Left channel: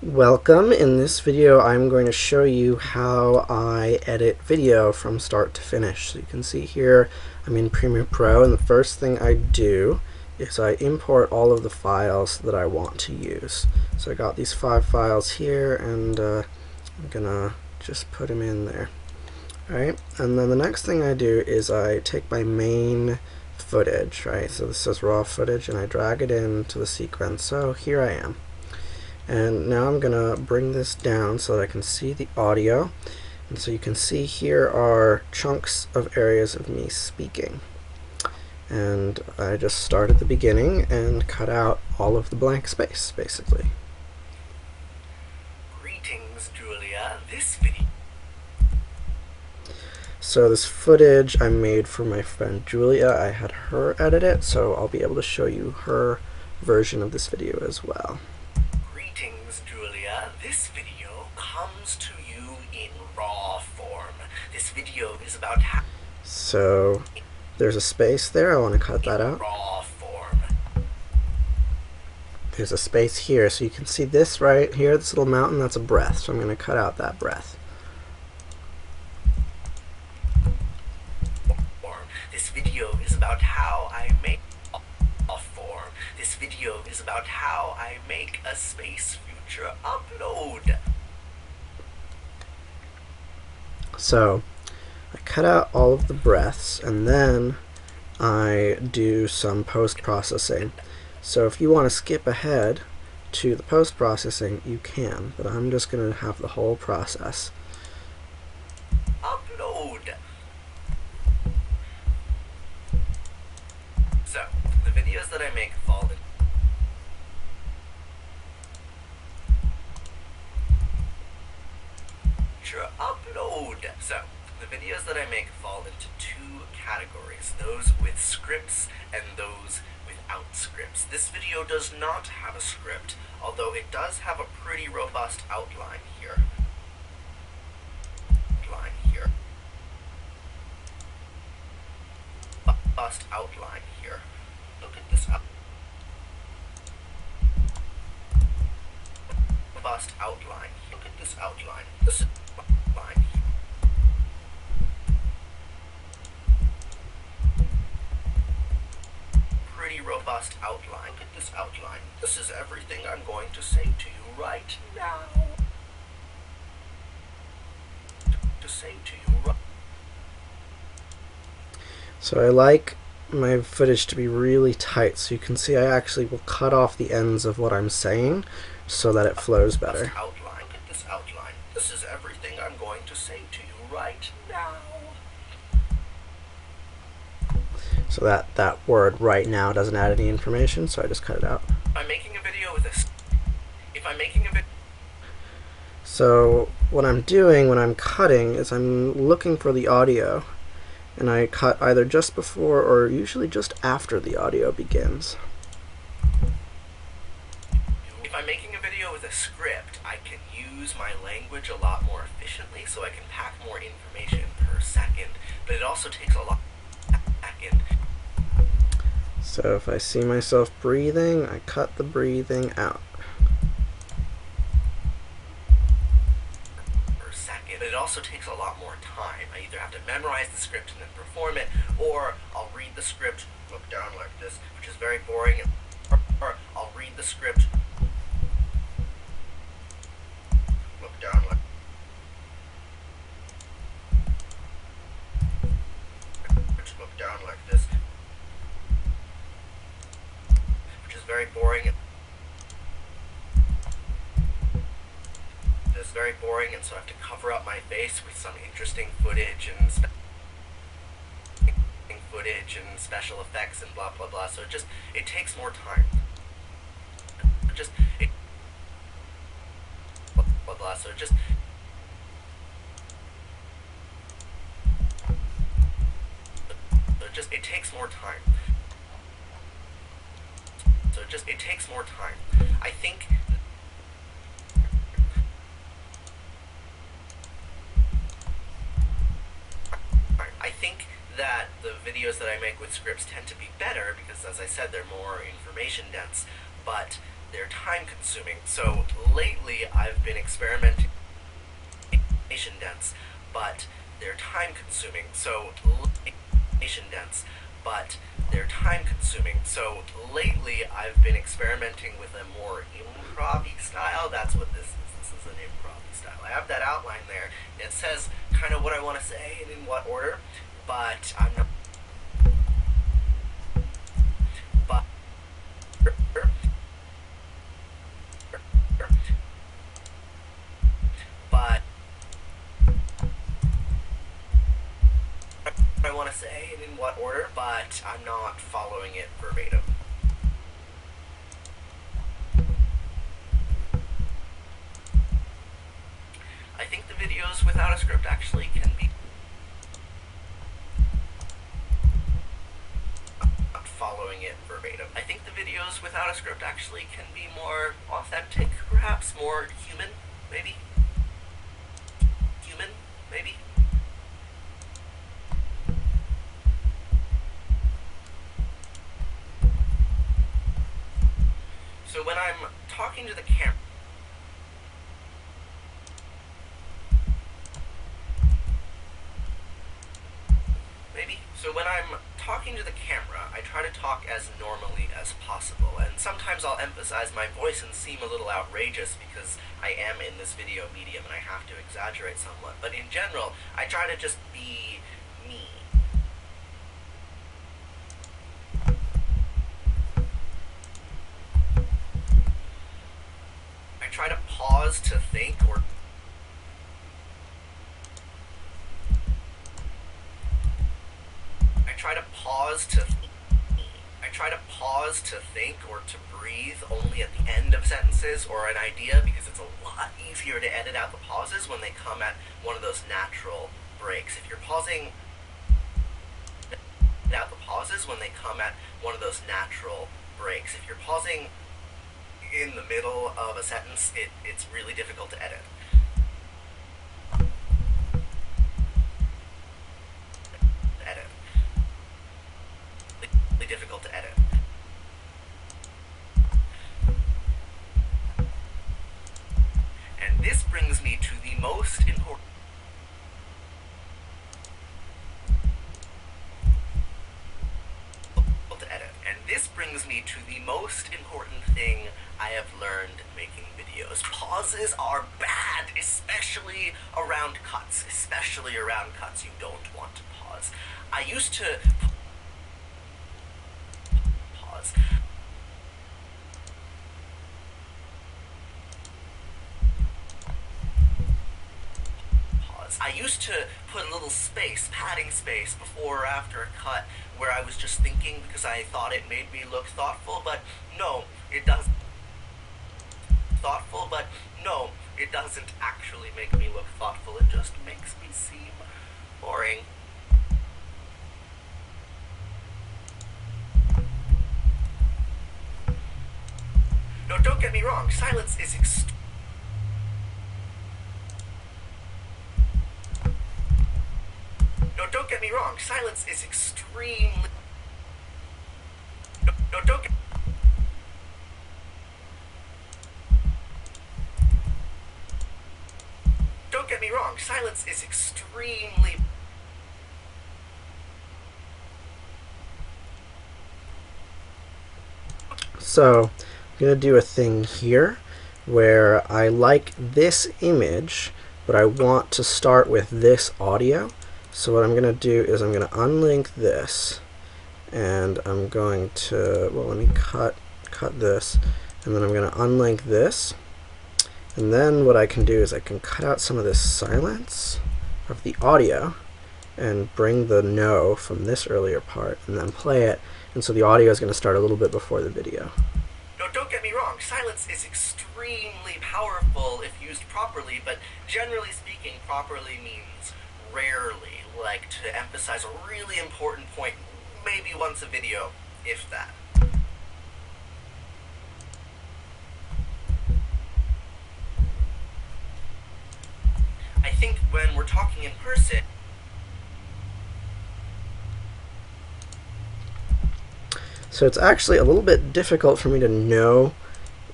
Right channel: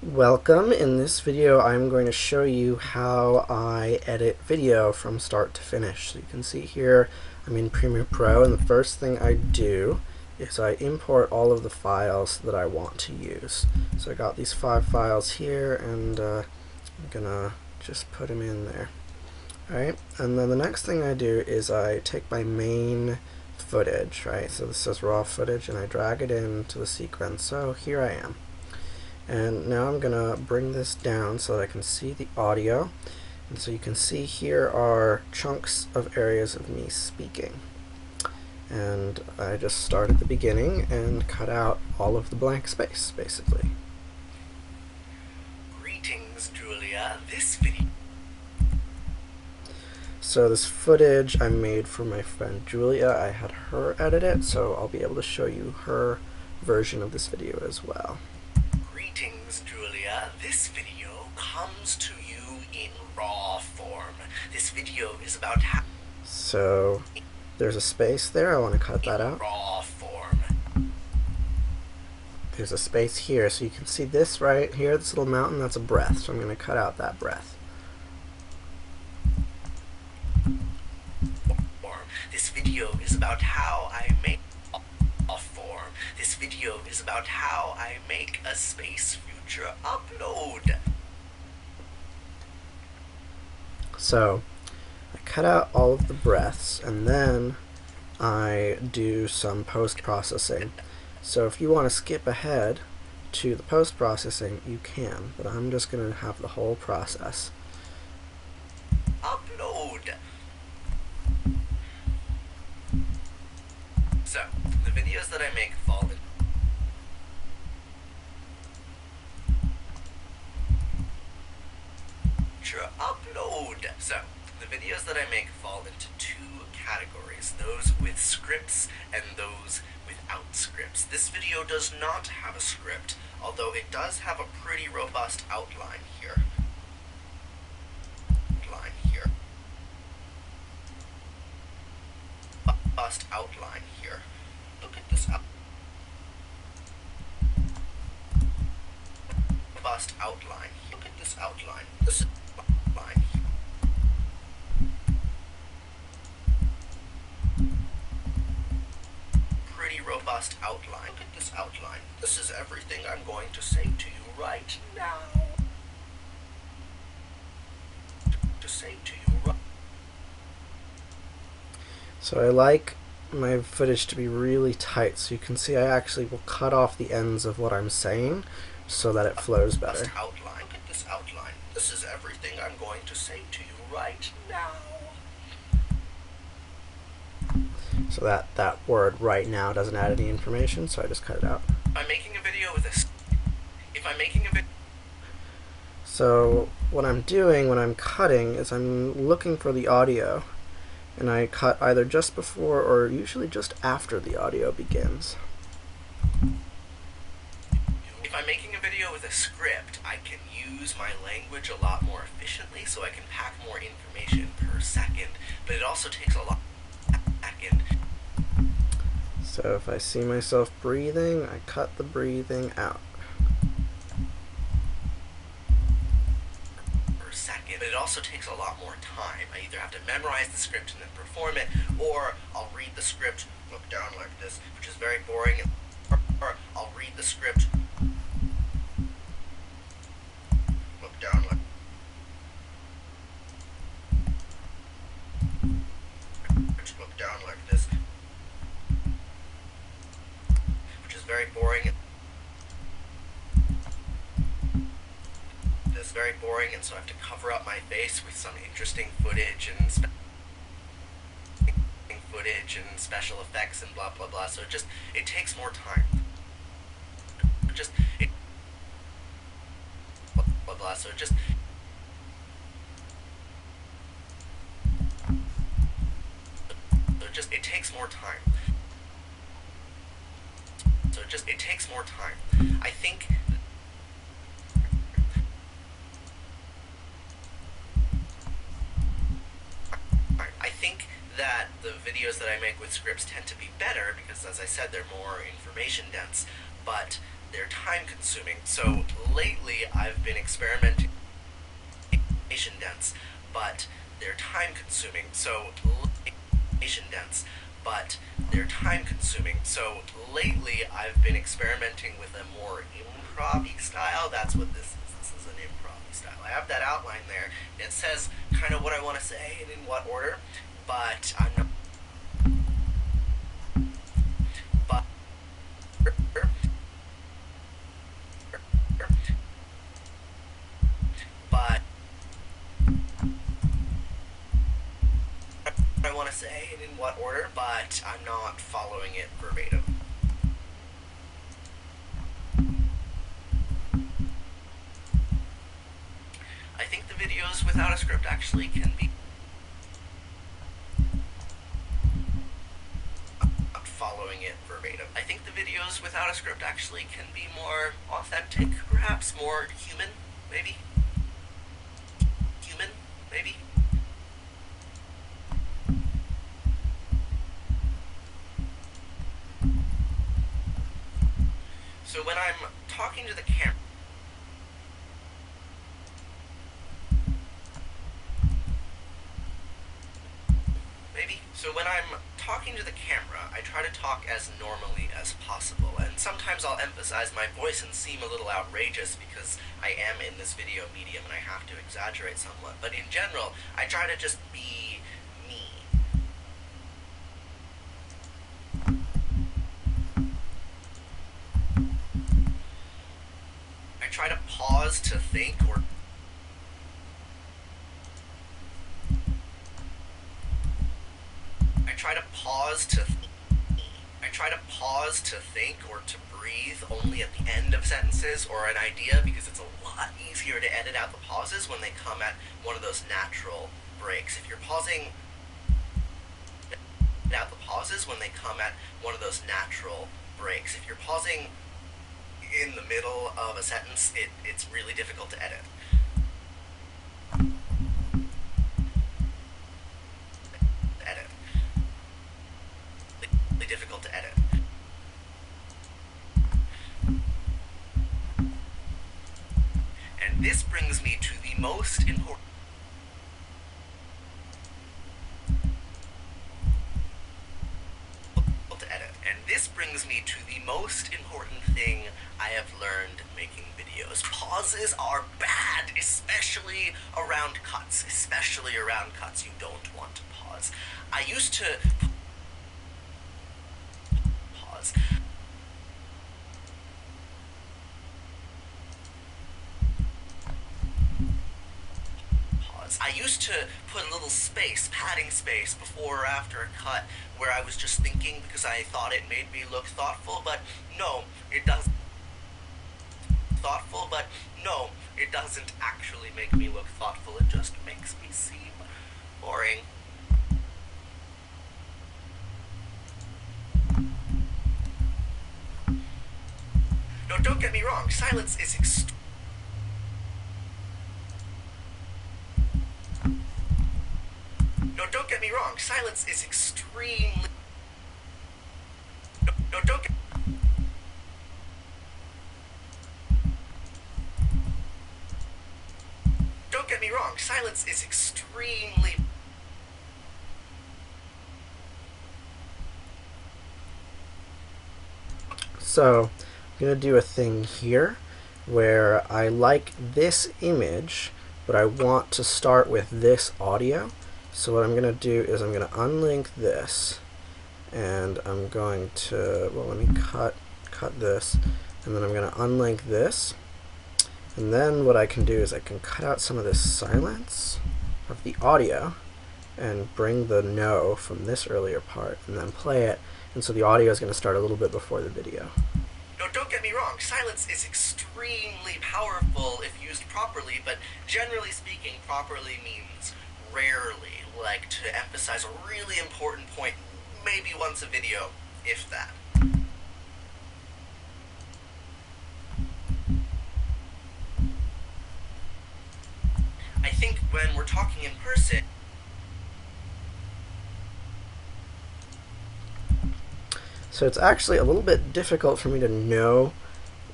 Welcome. In this video I'm going to show you how I edit video from start to finish. So you can see here I'm in Premiere Pro, and the first thing I do is I import all of the files that I want to use. So I got these 5 files here, and I'm gonna just put them in there. Alright, and then the next thing I do is I take my main footage, right? So this is raw footage, and I drag it into the sequence. So here I am. And now I'm going to bring this down so that I can see the audio. And so you can see here are chunks of areas of me speaking. And I just start at the beginning and cut out all of the blank space, basically. Greetings, Julia. This video. So this footage I made for my friend Julia. I had her edit it, so I'll be able to show you her version of this video as well. Greetings, Julia. This video comes to you in raw form. This video is about how. So there's a space there. I want to cut that out. Raw form. There's a space here, so you can see this right here, this little mountain, that's a breath. So I'm going to cut out that breath. This video is about how I make raw form. This video is about how I make a space future upload. So I cut out all of the breaths, and then I do some post-processing. So if you want to skip ahead to the post-processing, you can, but I'm just going to have the whole process. Upload. So, the videos that I make fall in. Upload. So, the videos that I make fall into 2 categories, those with scripts and those without scripts. This video does not have a script, although it does have a pretty robust outline here. Robust outline here. Look at this robust outline. Look at this outline. This is outline. Pretty robust outline. Look at this outline. This is everything I'm going to say to you right now. So I like my footage to be really tight, so you can see I actually will cut off the ends of what I'm saying so that it flows better. Outline. Look at this outline. This is everything I'm going to say to you right now. So that word right now doesn't add any information, so I just cut it out. I'm making a video with this. If I'm making a video. So what I'm doing when I'm cutting is I'm looking for the audio, and I cut either just before or usually just after the audio begins. If I'm making a video with a script, I can use my language a lot more efficiently, so I can pack more information per second, but it also takes a lot second. So if I see myself breathing, I cut the breathing out. Per second, but it also takes a lot more time. I either have to memorize the script and then perform it, or I'll read the script, look down like this, which is very boring, or I'll read the script, look down like this, which is very boring. This is very boring, and so I have to cover up my face with some interesting footage and special effects and blah blah blah. So it takes more time. Blah blah blah. So it takes more time. So it takes more time. I think that the videos that I make with scripts tend to be better because, as I said, they're more information dense, but they're time consuming. So lately I've been experimenting dense, but they're time consuming. So dense, but they're time consuming. So lately I've been experimenting with a more improv-y style. That's what this is. This is an improv-y style. I have that outline there. It says kind of what I want to say and in what order, but I'm not. But but I want to say and in what order, but I'm not following it verbatim. I think the videos without a script actually can be not following it verbatim. I think the videos without a script actually can be more authentic, perhaps more human, maybe. Human, maybe. So when I'm talking to the camera, maybe. So when I'm talking to the camera, I try to talk as normally as possible, and sometimes I'll emphasize my voice and seem a little outrageous because I am in this video medium and I have to exaggerate somewhat. But in general, I try to just be me. I try to pause to think or I try to pause to think or to breathe only at the end of sentences or an idea, because it's a lot easier to edit out the pauses when they come at one of those natural breaks. If you're pausing out the pauses when they come at one of those natural breaks. If you're pausing in the middle of a sentence, it's really difficult to edit. Really difficult to edit. And this brings me to the most important thing I have learned making videos. Pauses are bad, especially around cuts. Especially around cuts. You don't want to pause. I used to pause. I used to put a little space, padding space, before or after a cut where I was just thinking because I thought it made me look thoughtful, but no, it doesn't. Thoughtful, but no, it doesn't actually make me look thoughtful. It just makes me seem boring. No, don't get me wrong, silence is No, don't get me wrong, silence is extremely... No, don't get... Don't get me wrong, silence is extremely... So I'm going to do a thing here where I like this image, but I want to start with this audio. So what I'm going to do is I'm going to unlink this, and I'm going to, well, let me cut this, and then I'm going to unlink this. And then what I can do is I can cut out some of this silence of the audio and bring the no from this earlier part and then play it. And so the audio is going to start a little bit before the video. No, don't get me wrong, silence is extremely powerful if used properly, but generally speaking, properly means rarely, like to emphasize a really important point, maybe once a video, if that. I think when we're talking in person, so it's actually a little bit difficult for me to know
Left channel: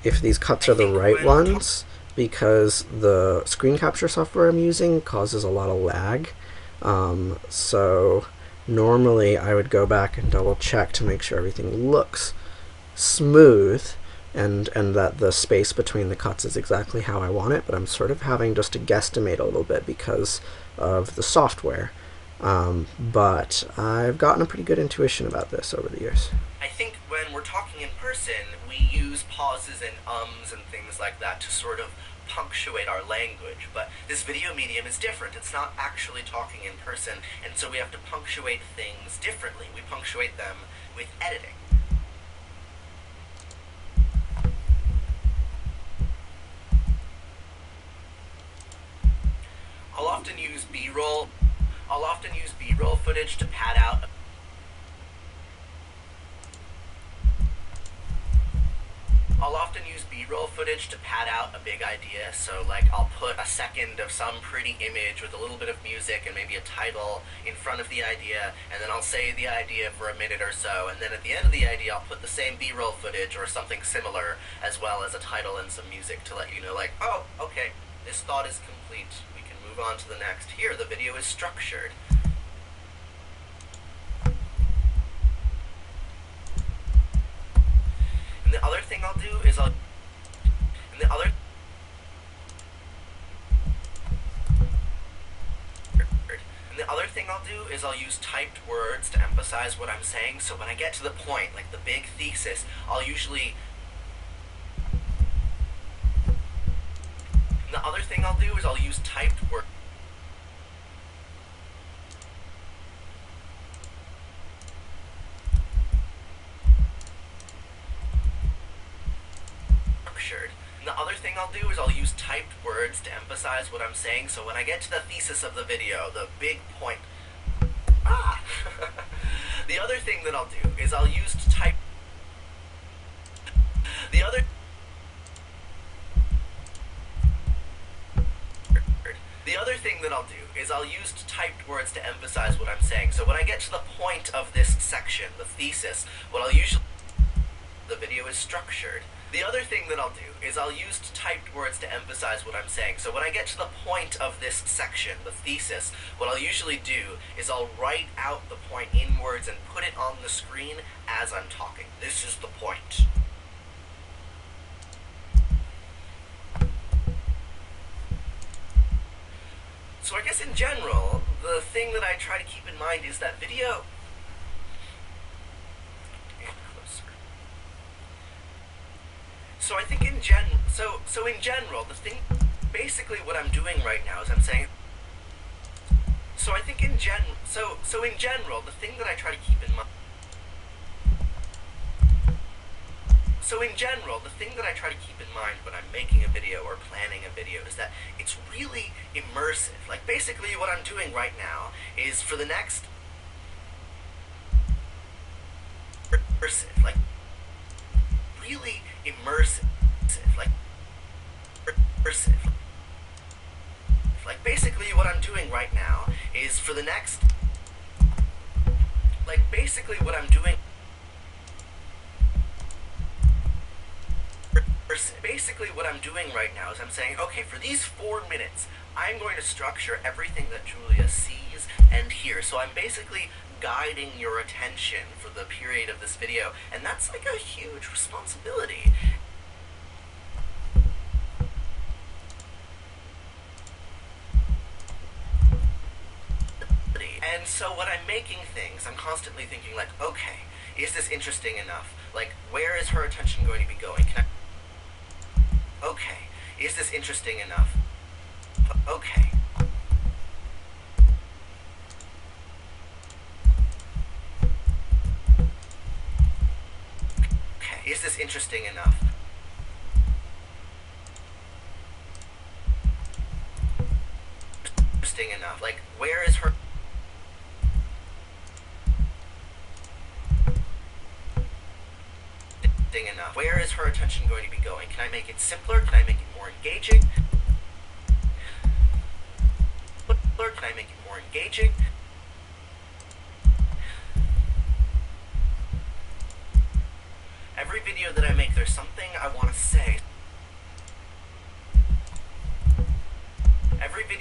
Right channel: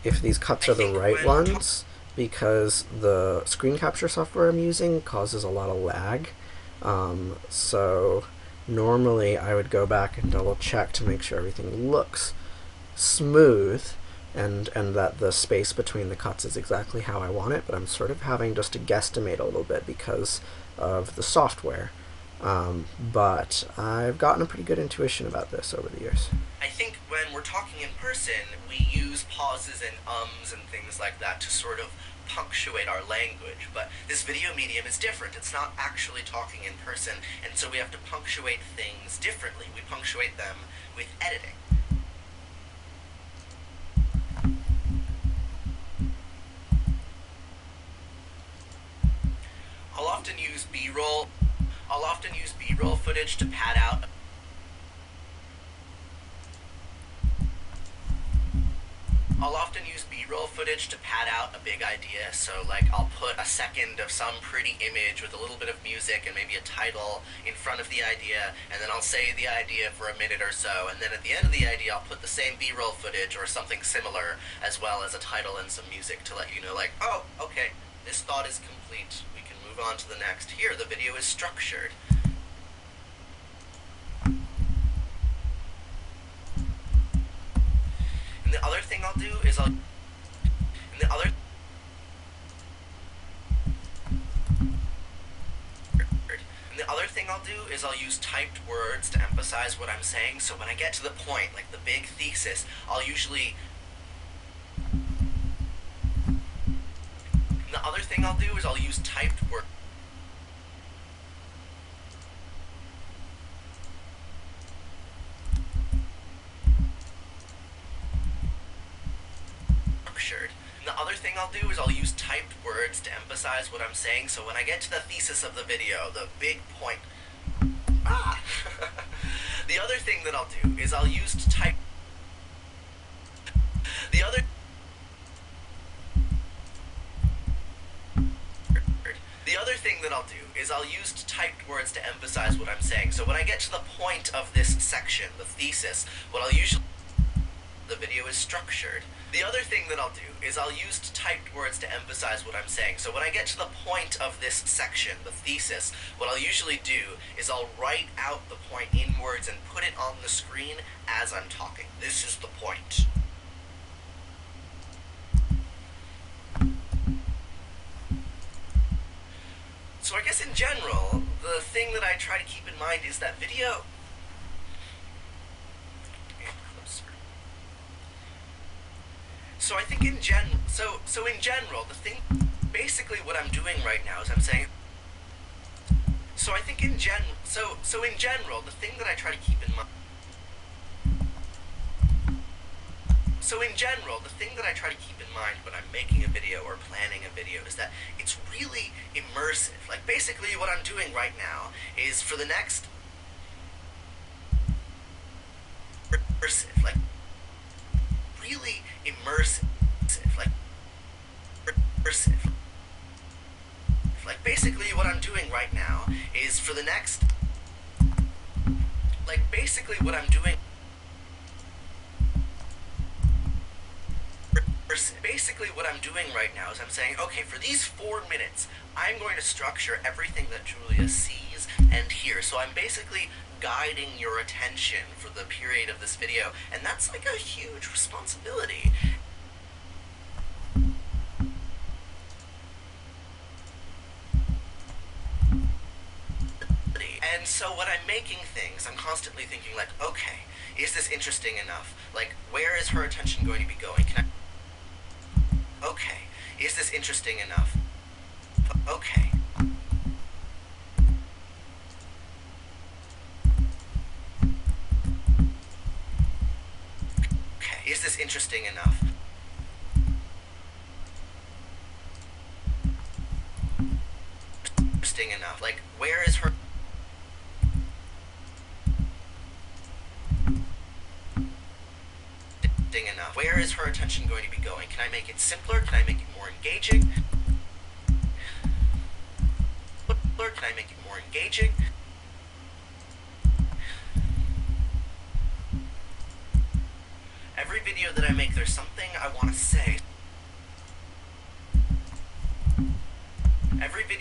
if these cuts I are the think right when we're talking ones, because the screen capture software I'm using causes a lot of lag. So normally I would go back and double check to make sure everything looks smooth, and that the space between the cuts is exactly how I want it, but I'm sort of having just to guesstimate a little bit because of the software. But I've gotten a pretty good intuition about this over the years. I think when we're talking in person, we use pauses and ums and things like that to sort of punctuate our language. But this video medium is different. It's not actually talking in person, and so we have to punctuate things differently. We punctuate them with editing. I'll often use B-roll. I'll often use B-roll footage to pad out a big idea. So like I'll put a second of some pretty image with a little bit of music and maybe a title in front of the idea, and then I'll say the idea for a minute or so, and then at the end of the idea I'll put the same B-roll footage or something similar as well as a title and some music to let you know, like, oh, okay, this thought is complete. We can move on to the next. Here, the video is structured. And the other thing I'll do is I'll use typed words to emphasize what I'm saying. So when I get to the point, like the big thesis, I'll usually. And the other thing I'll do is I'll use typed words. And the other thing I'll do is I'll use typed words to emphasize what I'm saying. So when I get to the thesis of the video, the big point. The other thing that I'll do is I'll use type. The other thing that I'll do is I'll use typed words to emphasize what I'm saying. So when I get to the point of this section, the thesis, what I'll usually. The video is structured. The other thing that I'll do is I'll use typed words to emphasize what I'm saying. So when I get to the point of this section, the thesis, what I'll usually do is I'll write out the point in words and put it on the screen as I'm talking. This is the point. So I guess in general, the thing that I try to keep in mind is that video. So I think in general, the thing, basically what I'm doing right now is I'm saying. So I think in general, the thing that I try to keep in mind. So in general, the thing that I try to keep in mind when I'm making a video or planning a video is that it's really immersive. Like basically what I'm doing right now is for the next. Immersive, like. Really immersive, like immersive. Like basically what I'm doing right now is for the next. Like basically what I'm doing. Basically what I'm doing right now is I'm saying, okay, for these 4 minutes, I'm going to structure everything that Julia sees and hears. So I'm basically guiding your attention for the period of this video, and that's like a huge responsibility. And so when I'm making things, I'm constantly thinking like, okay, is this interesting enough? Like, where is her attention going to be going? Okay, is this interesting enough? Okay. Is this interesting enough? Interesting enough. Like, where is her... Interesting enough. Where is her attention going to be going? Can I make it simpler? Can I make it more engaging? Can I make it more engaging? Every video that I make, there's something I want to say.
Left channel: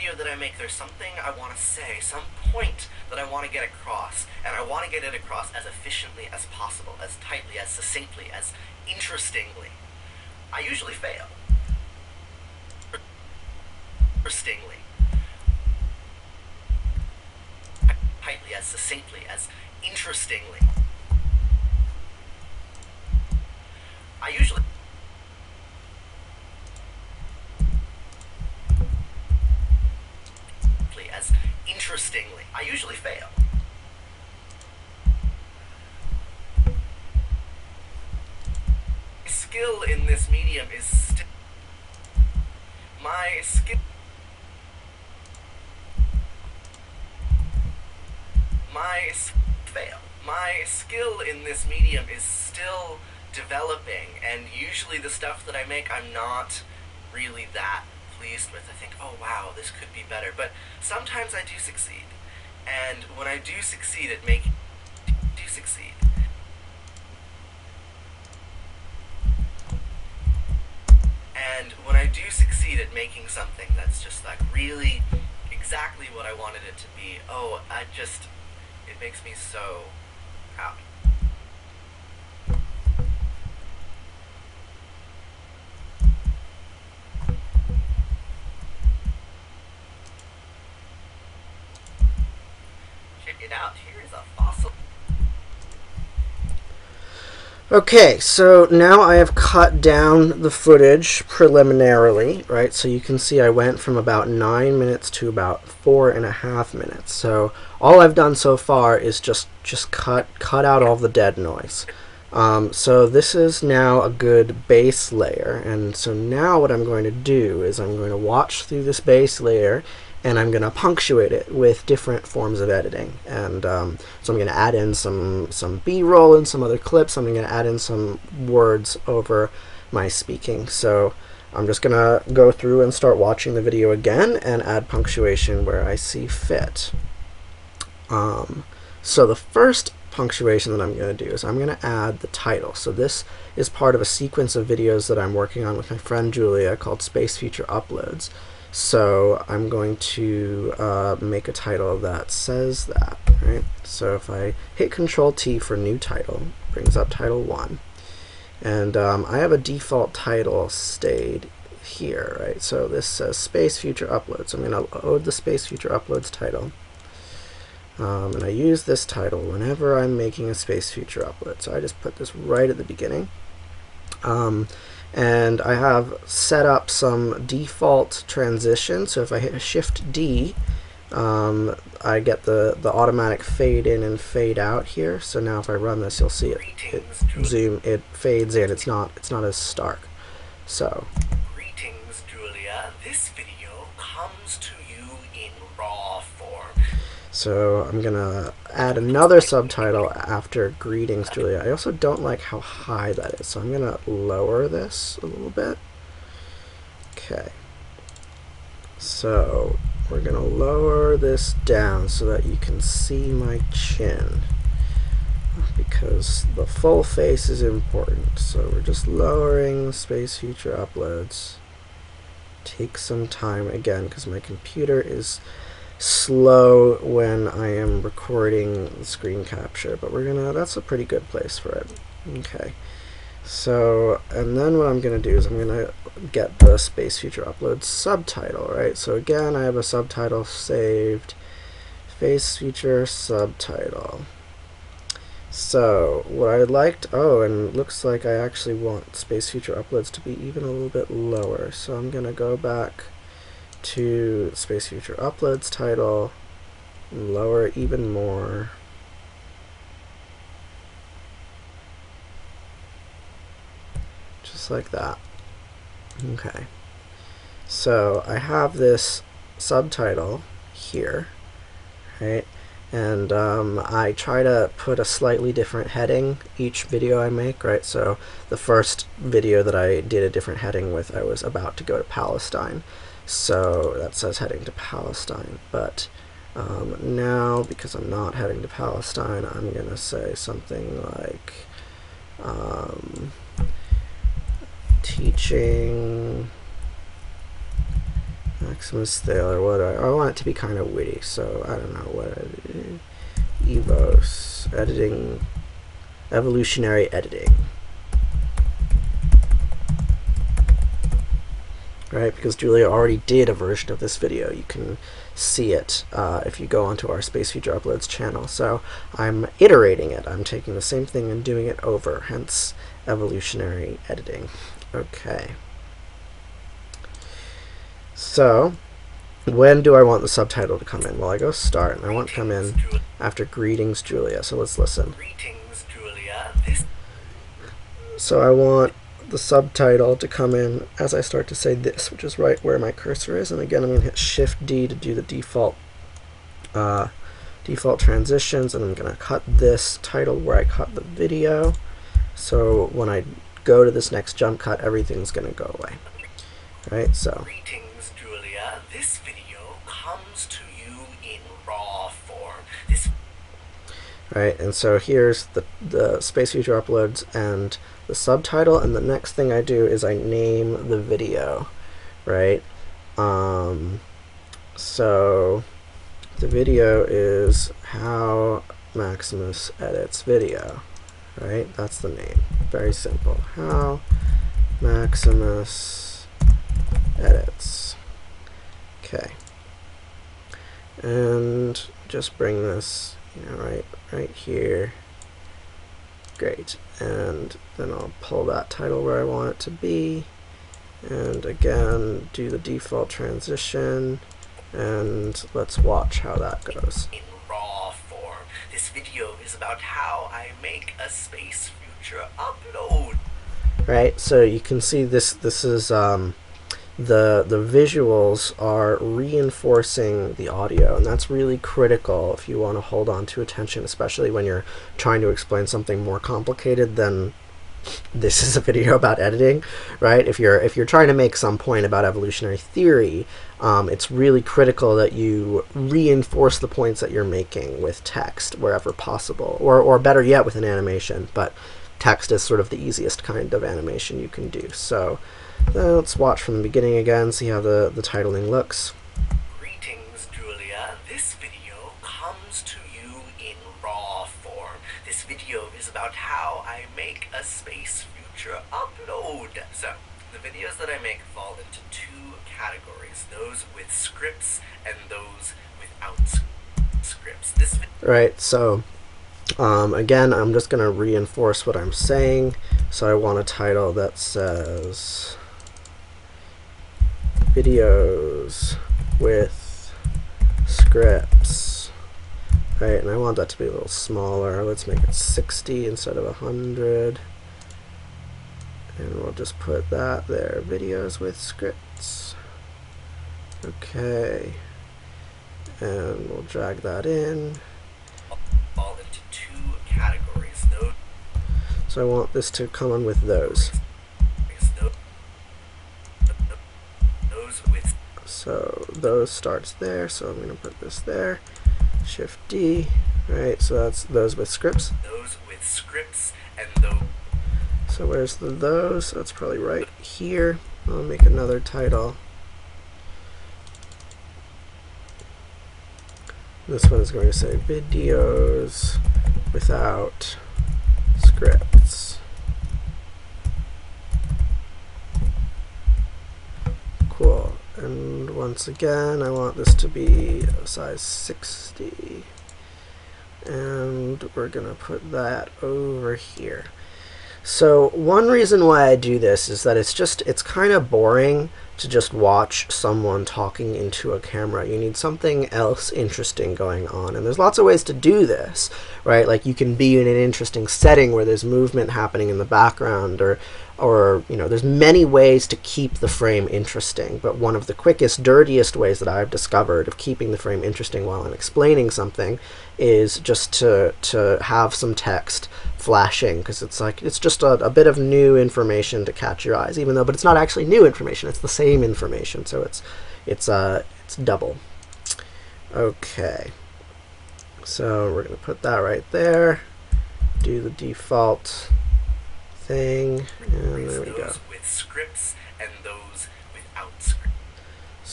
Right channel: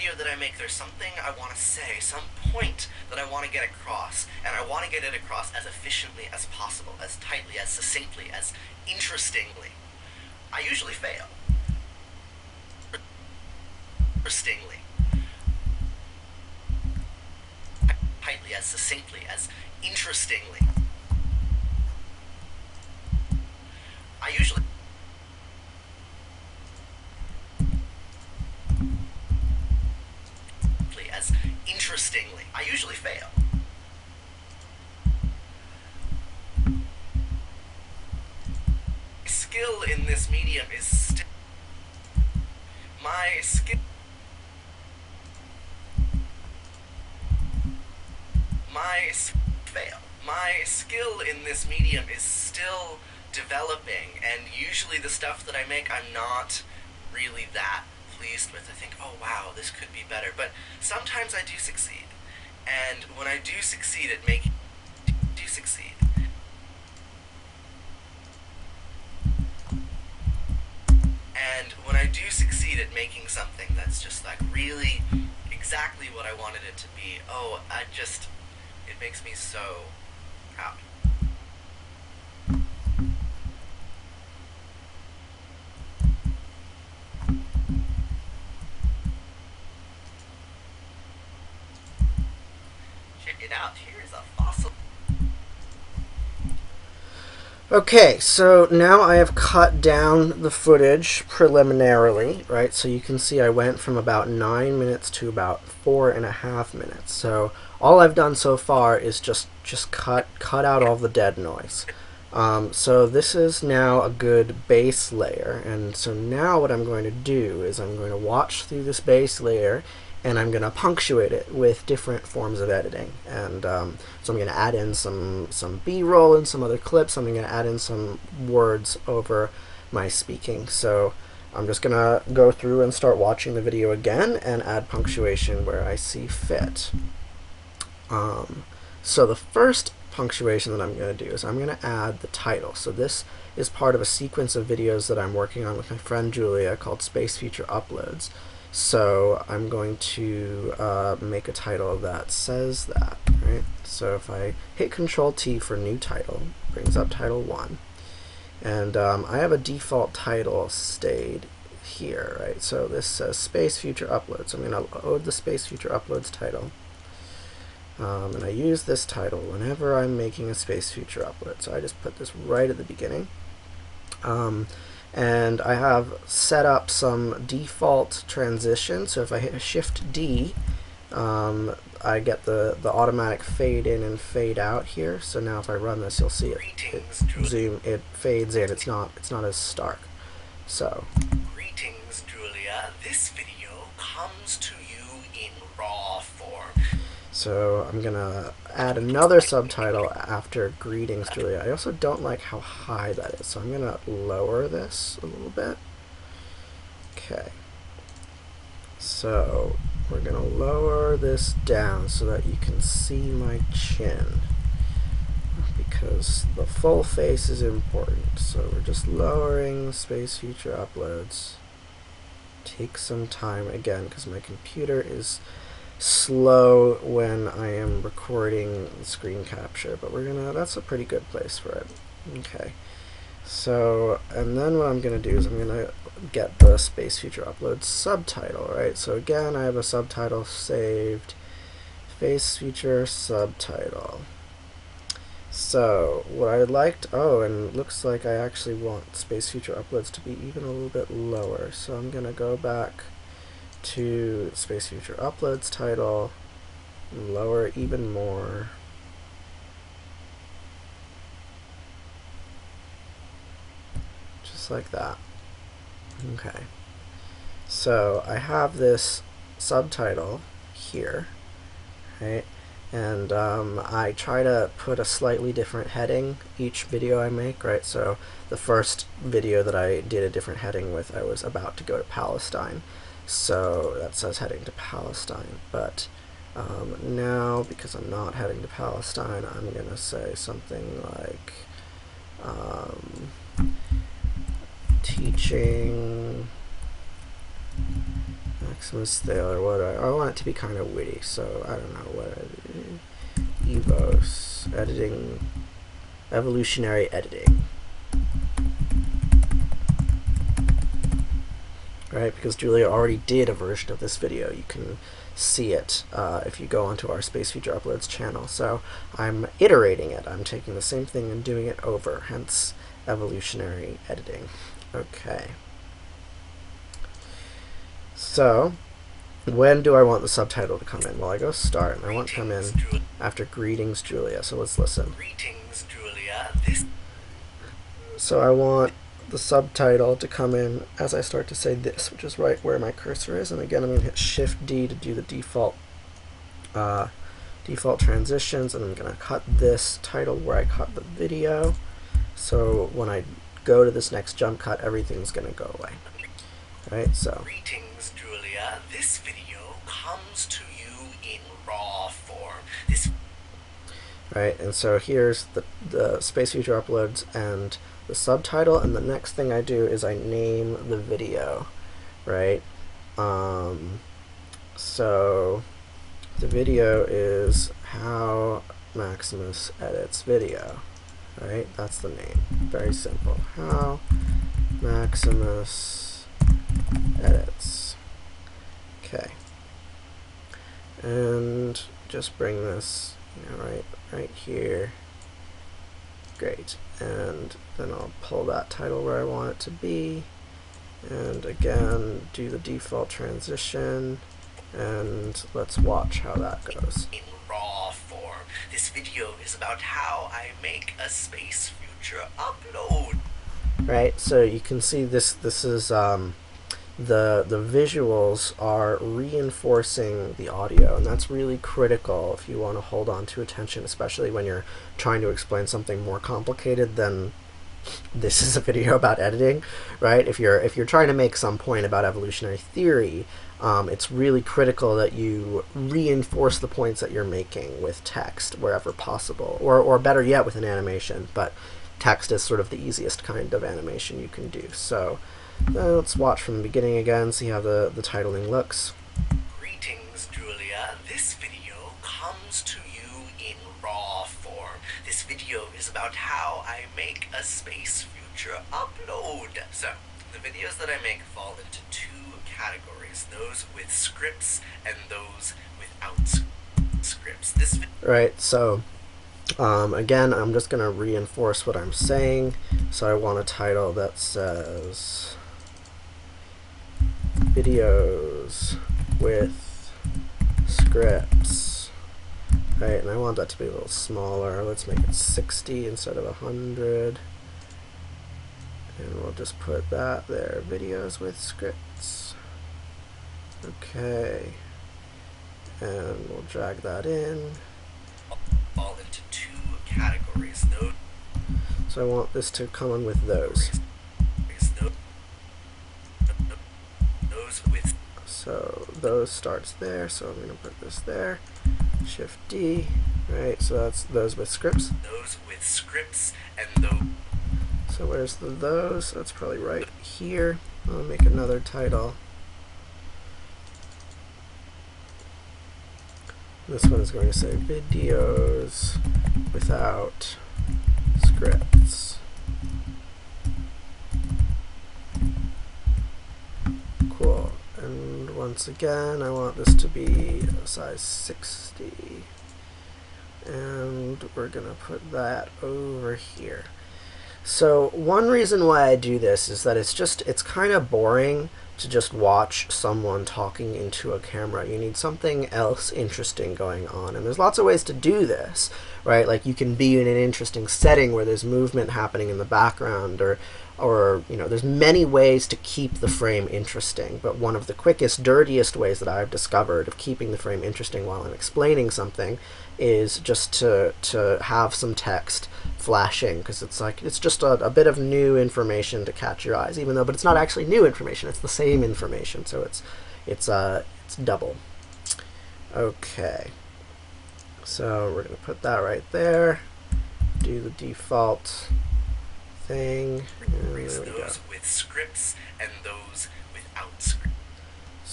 video that I make, there's something I want to say, some point that I want to get across, and I want to get it across as efficiently as possible, as tightly, as succinctly, as interestingly. I usually fail. Interestingly. Tightly, as succinctly, as interestingly. I usually as interestingly. I usually fail. My skill in this medium is my skill. My skill in this medium is still developing, and usually the stuff that I make, I'm not really that pleased with. I think, oh wow, this could be better. But sometimes I do succeed, and when I do succeed at making, something that's just like really exactly what I wanted it to be, oh, it makes me so proud. Check it out, here's a fossil. Okay, so now I have cut down the footage preliminarily, right? So you can see I went from about 9 minutes to about 4.5 minutes. So all I've done so far is just cut out all the dead noise. So this is now a good base layer, and so now what I'm going to do is I'm going to watch through this base layer, and I'm going to punctuate it with different forms of editing. And so I'm going to add in some B-roll and some other clips. I'm going to add in some words over my speaking. So I'm just going to go through and start watching the video again and add punctuation where I see fit. So the first punctuation that I'm going to do is I'm going to add the title. So this is part of a sequence of videos that I'm working on with my friend Julia called Space Future Uploads. So I'm going to make a title that says that, right? So if I hit Control T for new title, it brings up title 1. And I have a default title stayed here, right? So this says Space Future Uploads. So I'm going to load the Space Future Uploads title. And I use this title whenever I'm making a Space Future upload. So I just put this right at the beginning. And I have set up some default transition. So if I hit Shift D, I get the automatic fade in and fade out here. So now if I run this, you'll see it fades in. It's not as stark. So Greetings, Julia. This video comes to you in raw form. So I'm gonna add another subtitle after Greetings, Julia. I also don't like how high that is, so I'm gonna lower this a little bit. Okay. So we're gonna lower this down so that you can see my chin, because the full face is important. So we're just lowering Space Future Uploads. Take some time again because my computer is slow when I am recording screen capture, but that's a pretty good place for it. Okay, so and then what I'm gonna do is I'm gonna get the Space Future Uploads subtitle, right? So again, I have a subtitle saved, Space Future subtitle. So what I liked, and it looks like I actually want Space Future Uploads to be even a little bit lower, so I'm gonna go back to Space Future Uploads title, lower it even more. Just like that. Okay. So I have this subtitle here, right? And I try to put a slightly different heading each video I make, right? So the first video that I did a different heading with, I was about to go to Palestine. So that says heading to Palestine, but now, because I'm not heading to Palestine, I'm going to say something like teaching, Maximus Thaler. What I want it to be kind of witty, so I don't know what Evos editing, evolutionary editing. Right, because Julia already did a version of this video. You can see it if you go onto our Space Future Uploads channel. So I'm iterating it. I'm taking the same thing and doing it over, hence evolutionary editing. Okay. So when do I want the subtitle to come in? Well, I go start, and I want to come in after Greetings, Julia. So let's listen. Greetings, Julia. So I want the subtitle to come in as I start to say this, which is right where my cursor is. And again, I'm going to hit Shift D to do the default transitions, and I'm going to cut this title where I cut the video. So when I go to this next jump cut, everything's going to go away. Right, so. Greetings, Julia. This video comes to you in raw form. Right, and so here's the Space Future Uploads and the subtitle, and the next thing I do is I name the video, right? So the video is How Maximus Edits Video, right? That's the name. Very simple. How Maximus Edits. Okay. And just bring this, right here. Great. And then I'll pull that title where I want it to be. And again, do the default transition. And let's watch how that goes. In raw form. This video is about how I make a Space Future upload. Right, so you can see this is the visuals are reinforcing the audio, and that's really critical if you want to hold on to attention, especially when you're trying to explain something more complicated than this is a video about editing, right? If you're trying to make some point about evolutionary theory, it's really critical that you reinforce the points that you're making with text wherever possible, or better yet, with an animation. But text is sort of the easiest kind of animation you can do. So let's watch from the beginning again, see how the titling looks. Greetings, Julia. This video comes to you in raw form. This video is about how I make a Space Future upload. So, the videos that I make fall into two categories, those with scripts and those without scripts. Right, so again, I'm just going to reinforce what I'm saying. So I want a title that says videos with scripts, right? And I want that to be a little smaller. Let's make it 60 instead of 100. And we'll just put that there, videos with scripts. Okay. And we'll drag that in. Fall into two categories. So I want this to come in with those. So those starts there, so I'm going to put this there. Shift D, right? So that's those with scripts. Those with scripts and those. So where's the those? That's probably right here. I'll make another title. This one is going to say videos without scripts. Cool. And once again, I want this to be a size 60. And we're going to put that over here. So one reason why I do this is that it's kind of boring to just watch someone talking into a camera. You need something else interesting going on, and there's lots of ways to do this, right? Like you can be in an interesting setting where there's movement happening in the background, or there's many ways to keep the frame interesting. But one of the quickest, dirtiest ways that I've discovered of keeping the frame interesting while I'm explaining something is just to have some text flashing, because it's just a bit of new information to catch your eyes, but it's not actually new information, it's the same information, so it's double. Okay, so we're going to put that right there, do the default thing, and there we go. Those with scripts and those without scripts.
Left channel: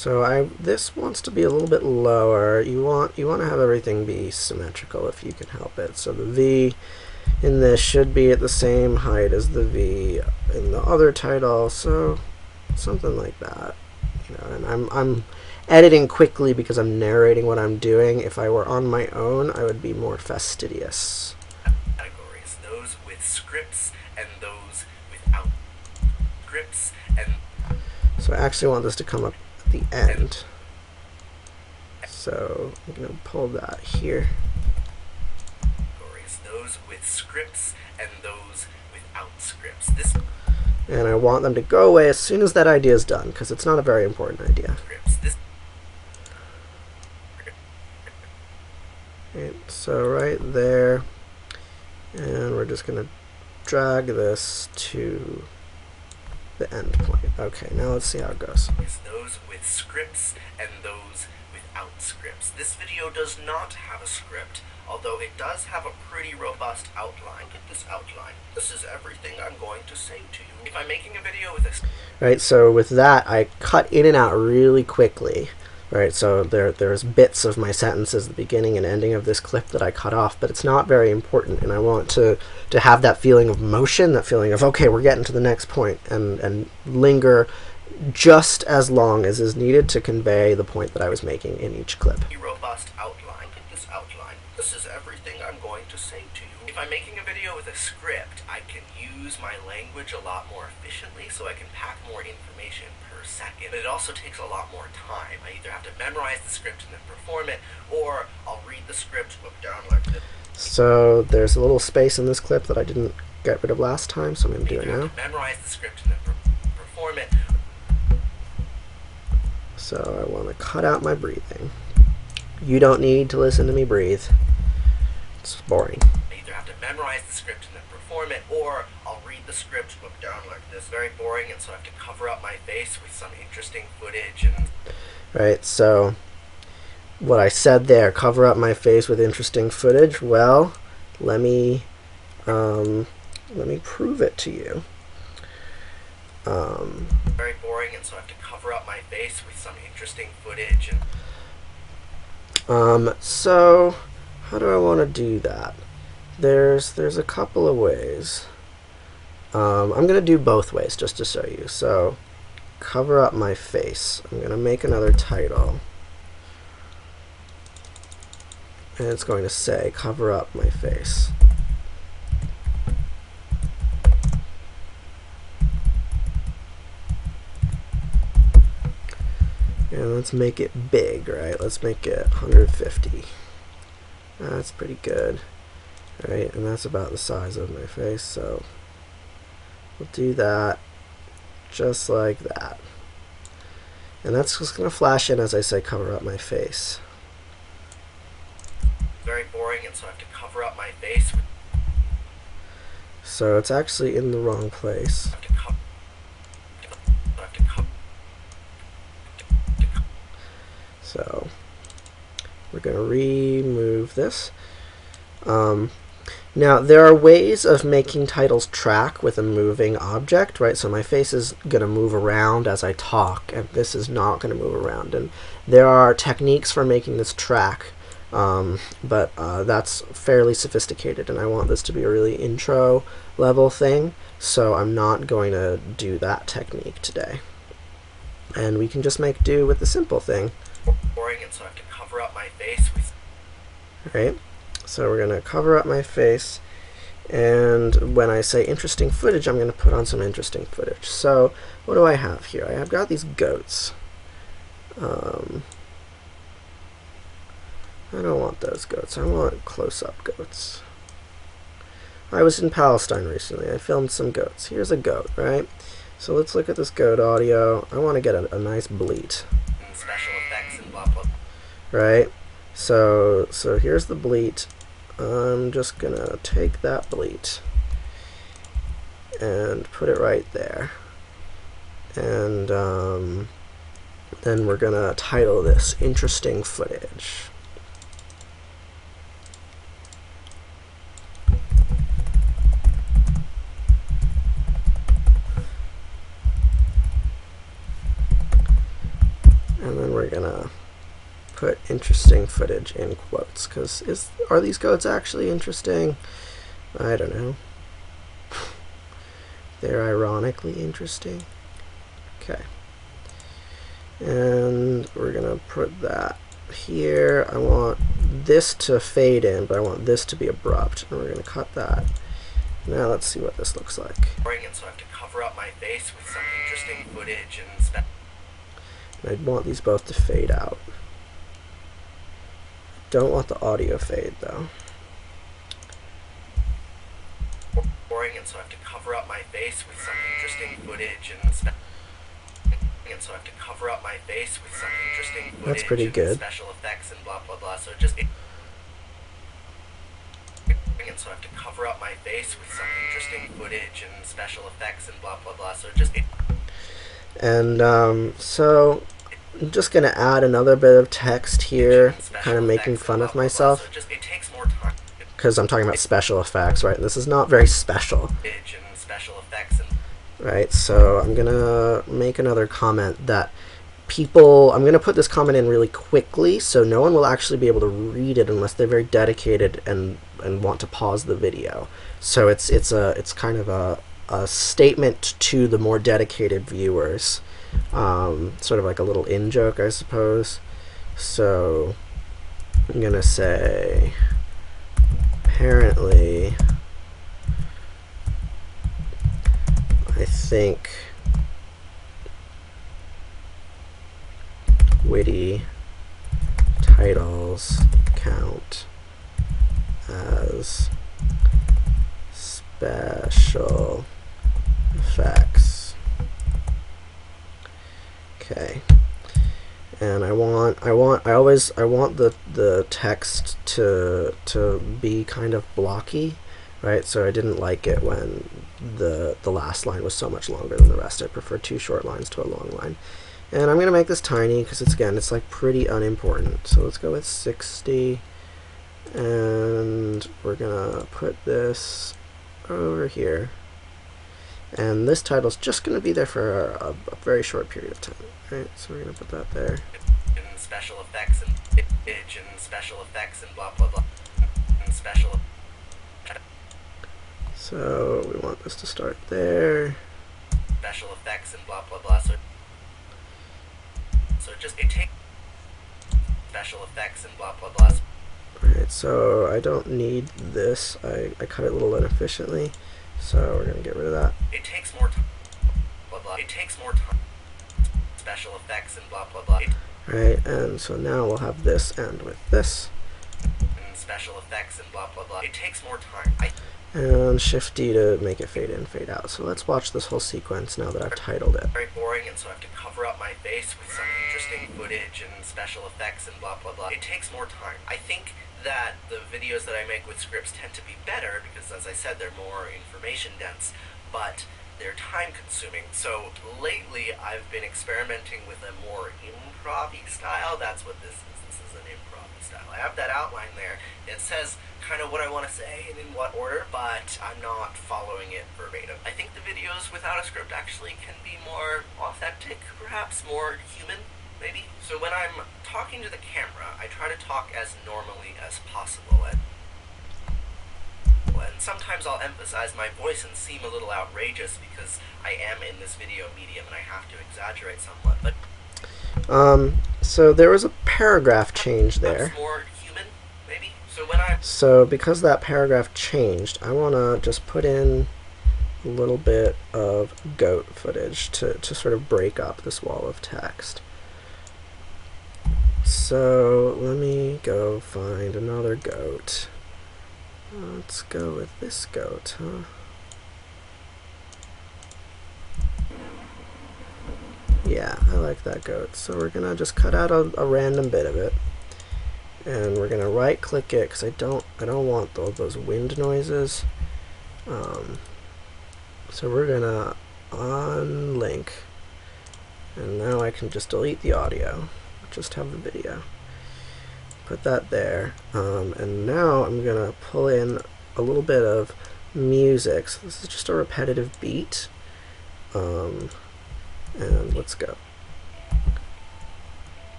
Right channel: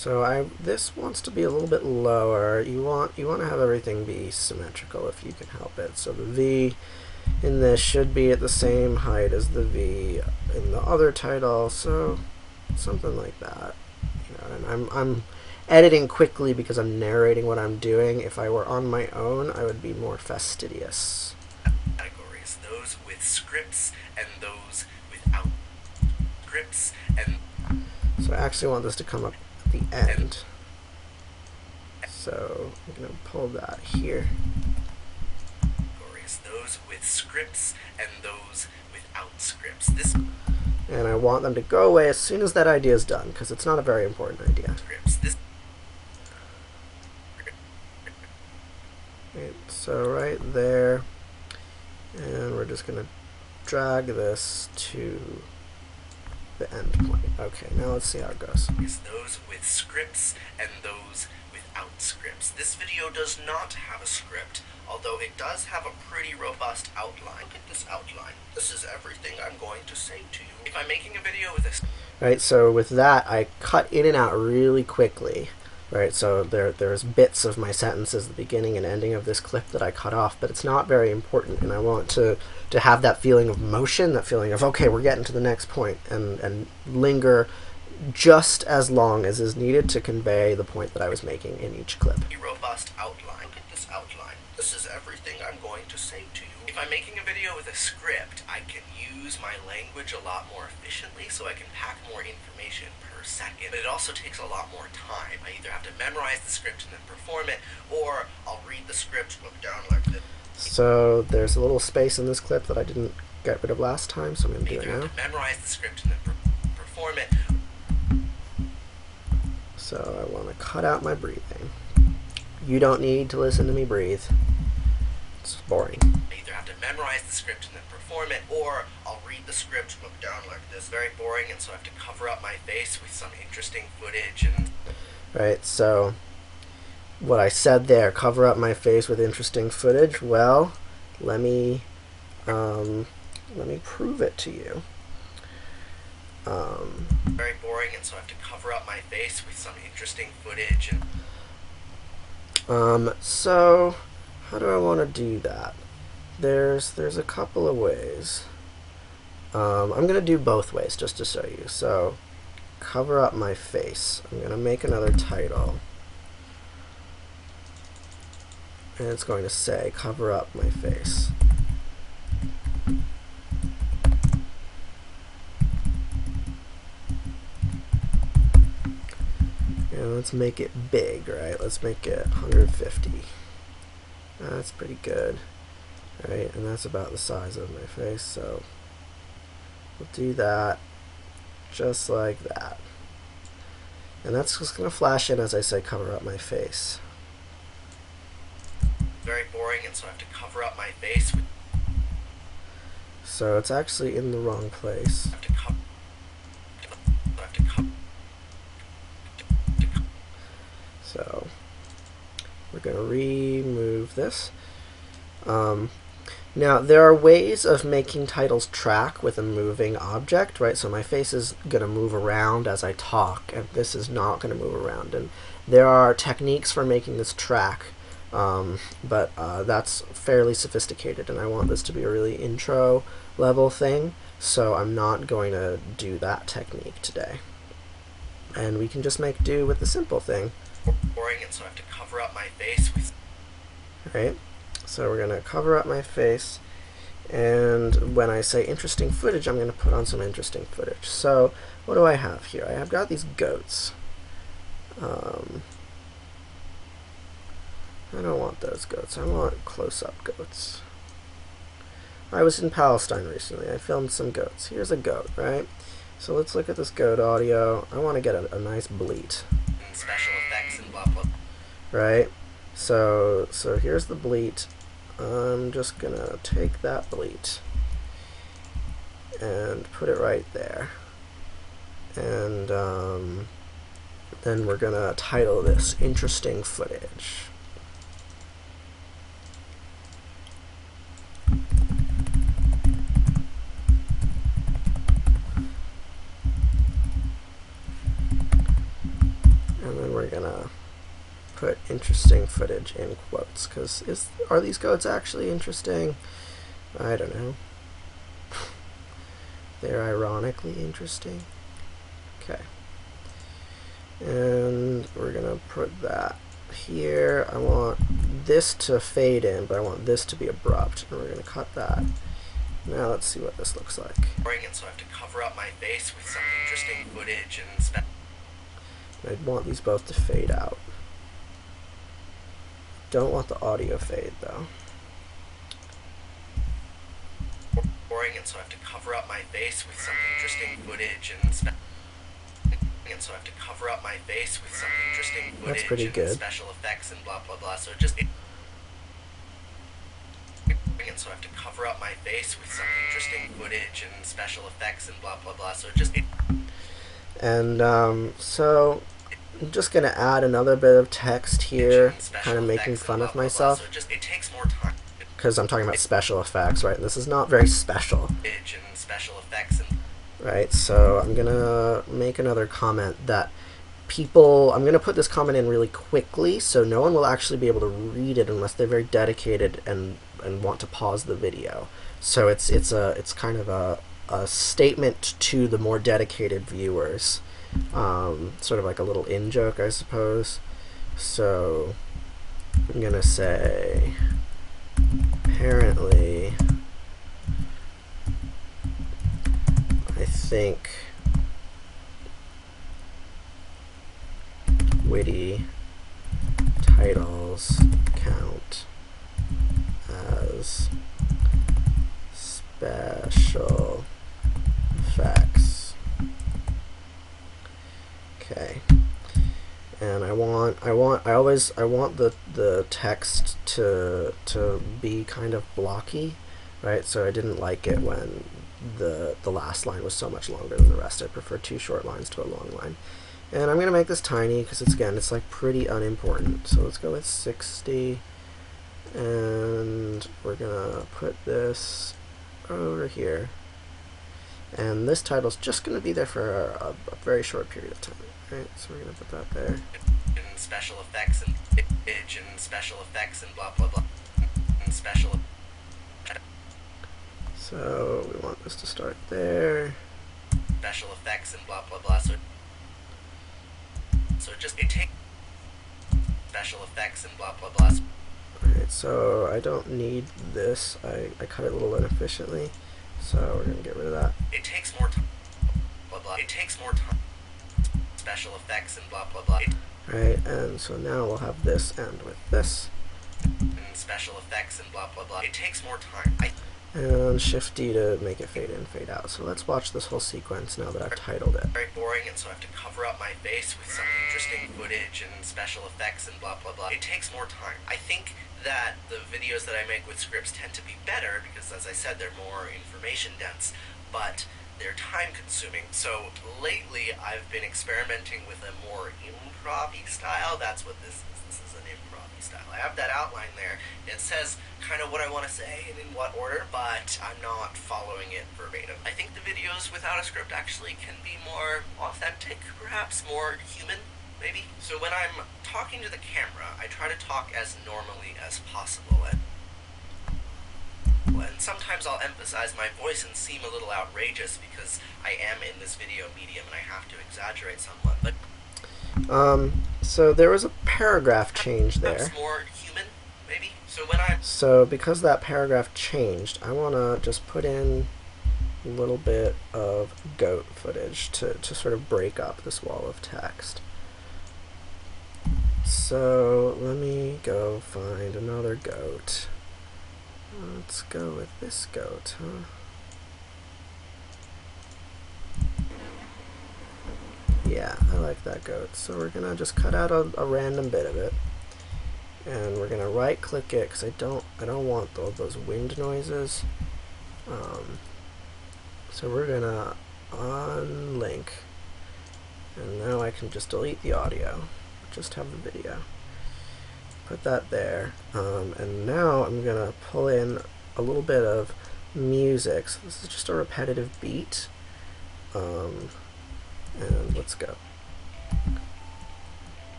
So this wants to be a little bit lower. You want to have everything be symmetrical if you can help it. So the V in this should be at the same height as the V in the other title, so something like that. And I'm editing quickly because I'm narrating what I'm doing. If I were on my own, I would be more fastidious. Categories, those with scripts and those without scripts, and so I actually want this to come up at the end. So I'm going to pull that here. Those with scripts and those without scripts. And I want them to go away as soon as that idea is done, because it's not a very important idea. Right, so right there, and we're just going to drag this to the end point. Okay, now let's see how it goes. Those with scripts and those without scripts. This video does not have a script, although it does have a pretty robust outline. Look at this outline. This is everything I'm going to say to you. If I'm making a video with this... Right, so with that, I cut in and out really quickly. Right, so there's bits of my sentences, the beginning and ending of this clip that I cut off, but it's not very important, and I want to have that feeling of motion, that feeling of, okay, we're getting to the next point, and linger just as long as is needed to convey the point that I was making in each clip. Robust outline. Look at this outline. This is everything I'm going to say to you. If I'm making a video with a script, I can use my language a lot more efficiently, so I can pack more information per second. But it also takes a lot more time. I either have to memorize the script and then perform it, or I'll read the script, look down like this. So there's a little space in this clip that I didn't get rid of last time, so I'm going to do it now. Memorize the script and then perform it. So I want to cut out my breathing. You don't need to listen to me breathe. It's boring. I either have to memorize the script and then perform it, or I'll read the script, look down like this. Very boring, and so I have to cover up my face with some interesting footage. And right, so what I said there, cover up my face with interesting footage. Well, let me prove it to you. Very boring, and so I have to cover up my face with some interesting footage. And so how do I want to do that? There's a couple of ways. I'm going to do both ways just to show you. So cover up my face. I'm going to make another title. And it's going to say cover up my face. And let's make it big, right? Let's make it 150. That's pretty good. Right, and that's about the size of my face, so we'll do that just like that. And that's just going to flash in as I say cover up my face. Very boring, and so I have to cover up my face. So it's actually in the wrong place. So we're going to remove this. Now there are ways of making titles track with a moving object, right? So my face is going to move around as I talk, and this is not going to move around. And there are techniques for making this track, but that's fairly sophisticated, and I want this to be a really intro level thing, so I'm not going to do that technique today. And we can just make do with the simple thing. Boring, and so I have to cover up my face with... Right? So we're going to cover up my face, and when I say interesting footage, I'm going to put on some interesting footage. So what do I have here? I have got these goats. I don't want those goats. I want close-up goats. I was in Palestine recently. I filmed some goats. Here's a goat, right? So let's look at this goat audio. I want to get a nice bleat. Special effects and blah blah. Right? So here's the bleat. I'm just going to take that bleat and put it right there. And then we're going to title this Interesting Footage. And then we're gonna put interesting footage in quotes, because are these goats actually interesting? I don't know. They're ironically interesting. Okay. And we're gonna put that here. I want this to fade in, but I want this to be abrupt. And we're gonna cut that. Now let's see what this looks like. And so I have to cover up my face with some interesting footage and I'd want these both to fade out. Don't want the audio fade though. And so I have to cover up my face with some interesting footage and so I have to cover up my face with some interesting footage. That's pretty good. Special effects and blah blah blah. So just and so I have to cover up my face with some interesting footage and special effects and blah blah blah. So just and so I'm just gonna add another bit of text here, kind of making fun of myself. So it takes more time. Because I'm talking about special effects, right? This is not very special. Right, so I'm gonna make another comment that I'm gonna put this comment in really quickly, so no one will actually be able to read it unless they're very dedicated and want to pause the video. So it's kind of a statement to the more dedicated viewers, sort of like a little in-joke, I suppose. So I'm gonna say, apparently, I think witty titles count as special effects. Okay. And I want the text to be kind of blocky, right? So I didn't like it when the last line was so much longer than the rest. I prefer 2 short lines to a long line. And I'm gonna make this tiny because it's like pretty unimportant. So let's go with 60, and we're gonna put this over here. And this title's just gonna be there for a very short period of time. Right, so we're gonna put that there. And special effects and image and special effects and blah blah blah and special. So we want this to start there. Special effects and blah blah blah. So it takes special effects and blah blah blah. Alright, so I don't need this. I cut it a little inefficiently, so we're gonna get rid of that. It takes more time. Blah blah. It takes more time. Special effects and blah blah blah. Right, and so now we'll have this end with this. And special effects and blah blah blah. It takes more time. And Shift D to make it fade in, fade out. So let's watch this whole sequence now that I've titled it. Very boring, and so I have to cover up my face with some interesting footage and special effects and blah blah blah. It takes more time. I think that the videos that I make with scripts tend to be better because, as I said, they're more information dense, but they're time consuming. So lately I've been experimenting with a more improv-y style. That's what this is. This is an improv-y style. I have that outline there. It says kind of what I want to say and in what order, but I'm not following it verbatim. I think the videos without a script actually can be more authentic, perhaps more human, maybe. So when I'm talking to the camera, I try to talk as normally as possible, and sometimes I'll emphasize my voice and seem a little outrageous because I am in this video medium and I have to exaggerate somewhat, but so there was a paragraph change there. That's more human, maybe. So because that paragraph changed, I want to just put in a little bit of goat footage to sort of break up this wall of text. So let me go find another goat. Let's go with this goat, huh? Yeah, I like that goat. So we're gonna just cut out a random bit of it, and we're gonna right click it because I don't want all those wind noises. So we're gonna unlink, and now I can just delete the audio, just have the video. Put that there, and now I'm gonna pull in a little bit of music. So this is just a repetitive beat, and let's go.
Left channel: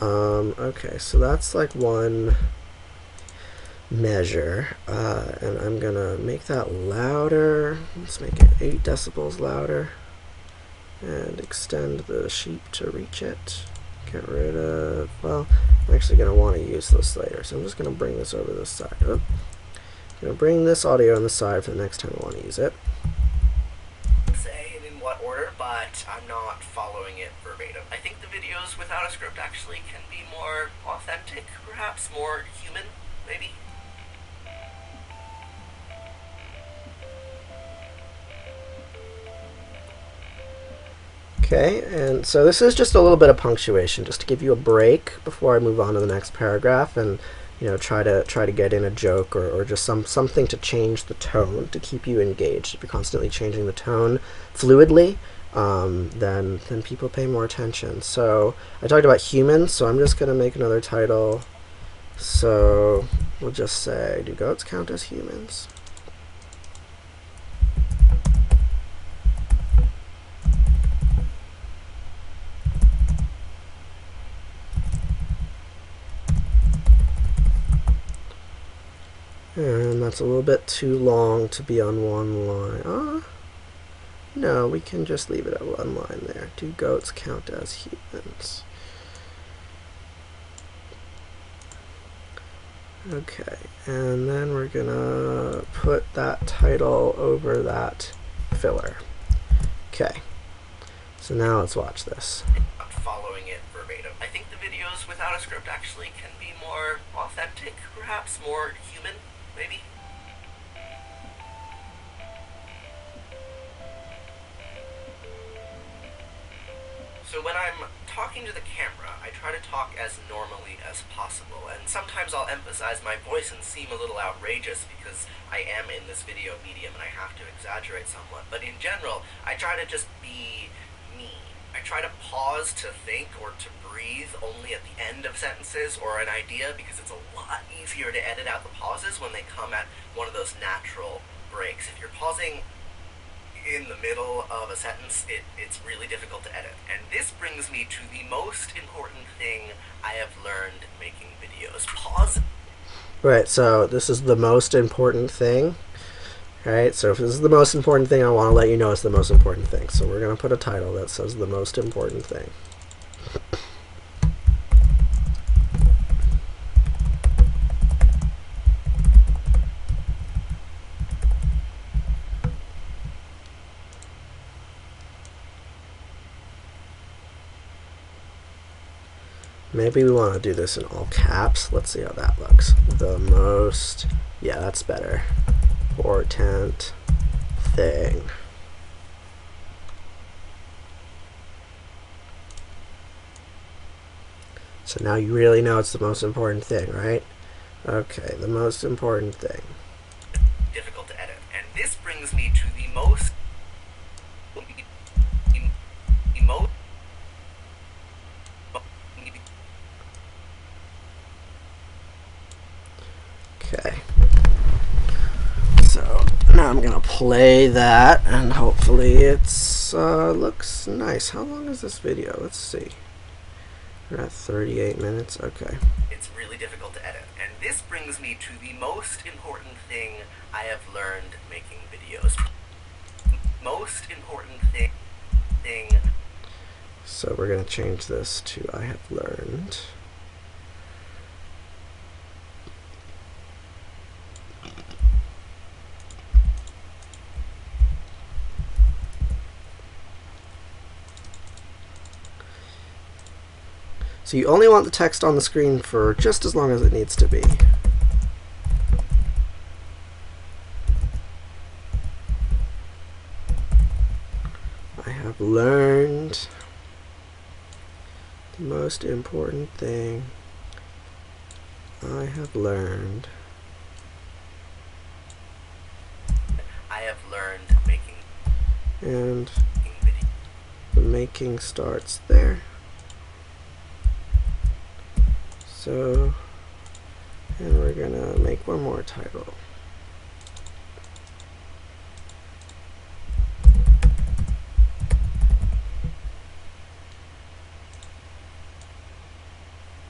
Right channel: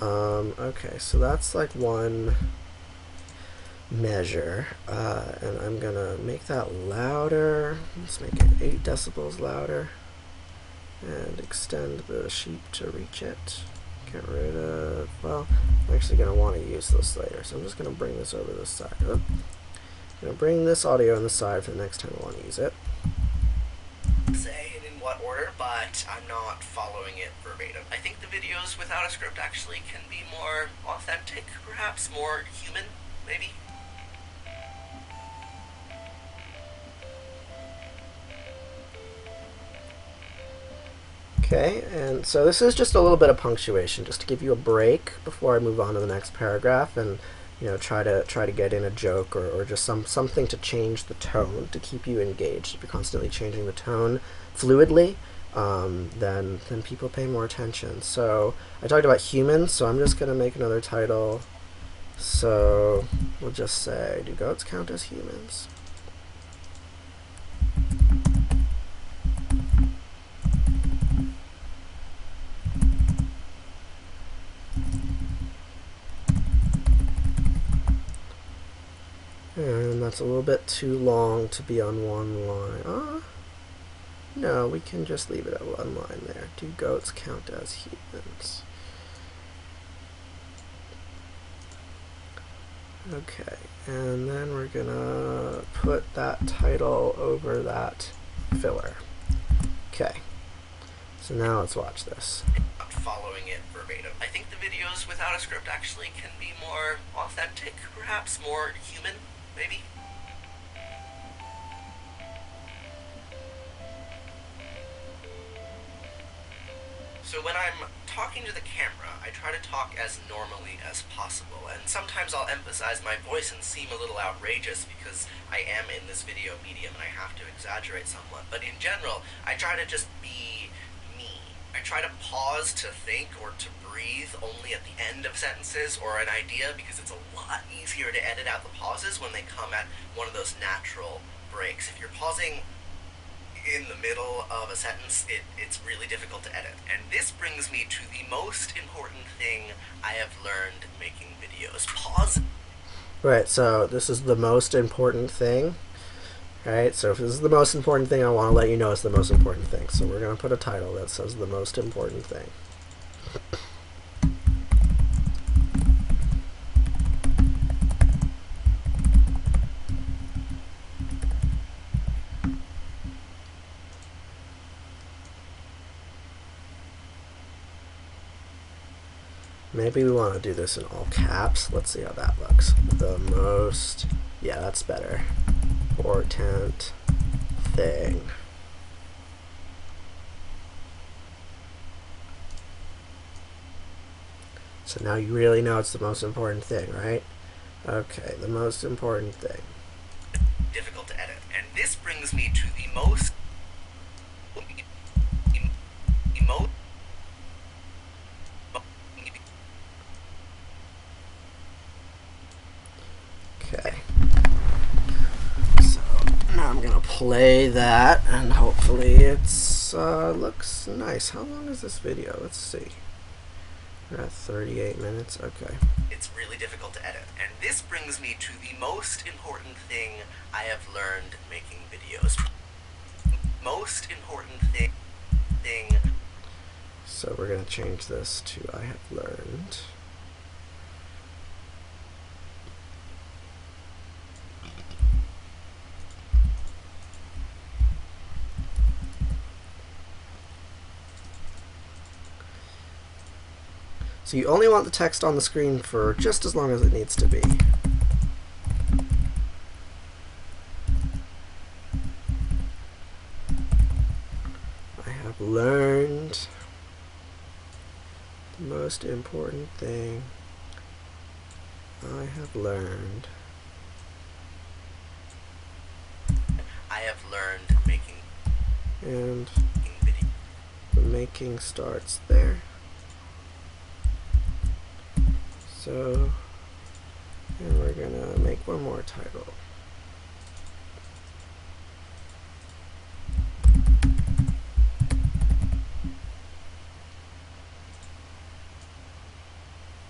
Okay, so that's like one measure, and I'm gonna make that louder. Let's make it 8 decibels louder, and extend the sheep to reach it. Get rid of, well, I'm actually gonna want to use this later, so I'm just gonna bring this over this side. Oh, I'm gonna bring this audio on the side for the next time I want to use it. Say and in what order, but I'm not following it verbatim. I think the videos without a script actually can be more authentic, perhaps more human, maybe. Okay, and so this is just a little bit of punctuation, just to give you a break before I move on to the next paragraph, and try to get in a joke or just something to change the tone to keep you engaged. If you're constantly changing the tone fluidly, then people pay more attention. So I talked about humans, so I'm just gonna make another title. So we'll just say, do goats count as humans? And that's a little bit too long to be on one line. No, we can just leave it at one line there. Do goats count as humans? Okay, and then we're gonna put that title over that filler. Okay, so now let's watch this. Not following it verbatim. I think the videos without a script actually can be more authentic, perhaps more human, maybe. So when I'm talking to the camera, I try to talk as normally as possible, and sometimes I'll emphasize my voice and seem a little outrageous because I am in this video medium and I have to exaggerate somewhat. But in general, I try to just be me. I try to pause to think or to breathe only at the end of sentences or an idea, because it's a lot easier to edit out the pauses when they come at one of those natural breaks. If you're pausing in the middle of a sentence, it's really difficult to edit. And this brings me to the most important thing I have learned making videos. Pause. Right, so this is the most important thing. Right, so if this is the most important thing, I want to let you know it's the most important thing. So we're going to put a title that says the most important thing. Maybe we want to do this in all caps. Let's see how that looks. The most, yeah, that's better. Important thing. So now you really know it's the most important thing, right? Okay, the most important thing. Difficult to edit. And this brings me to the most Okay. So now I'm gonna play that, and hopefully it's looks nice. How long is this video? Let's see. We're at 38 minutes. Okay. It's really difficult to edit. And this brings me to the most important thing I have learned making videos. Most important thing. So we're gonna change this to I have learned. So you only want the text on the screen for just as long as it needs to be. I have learned the most important thing I have learned. I have learned making And video. the making starts there. So, and we're gonna make one more title.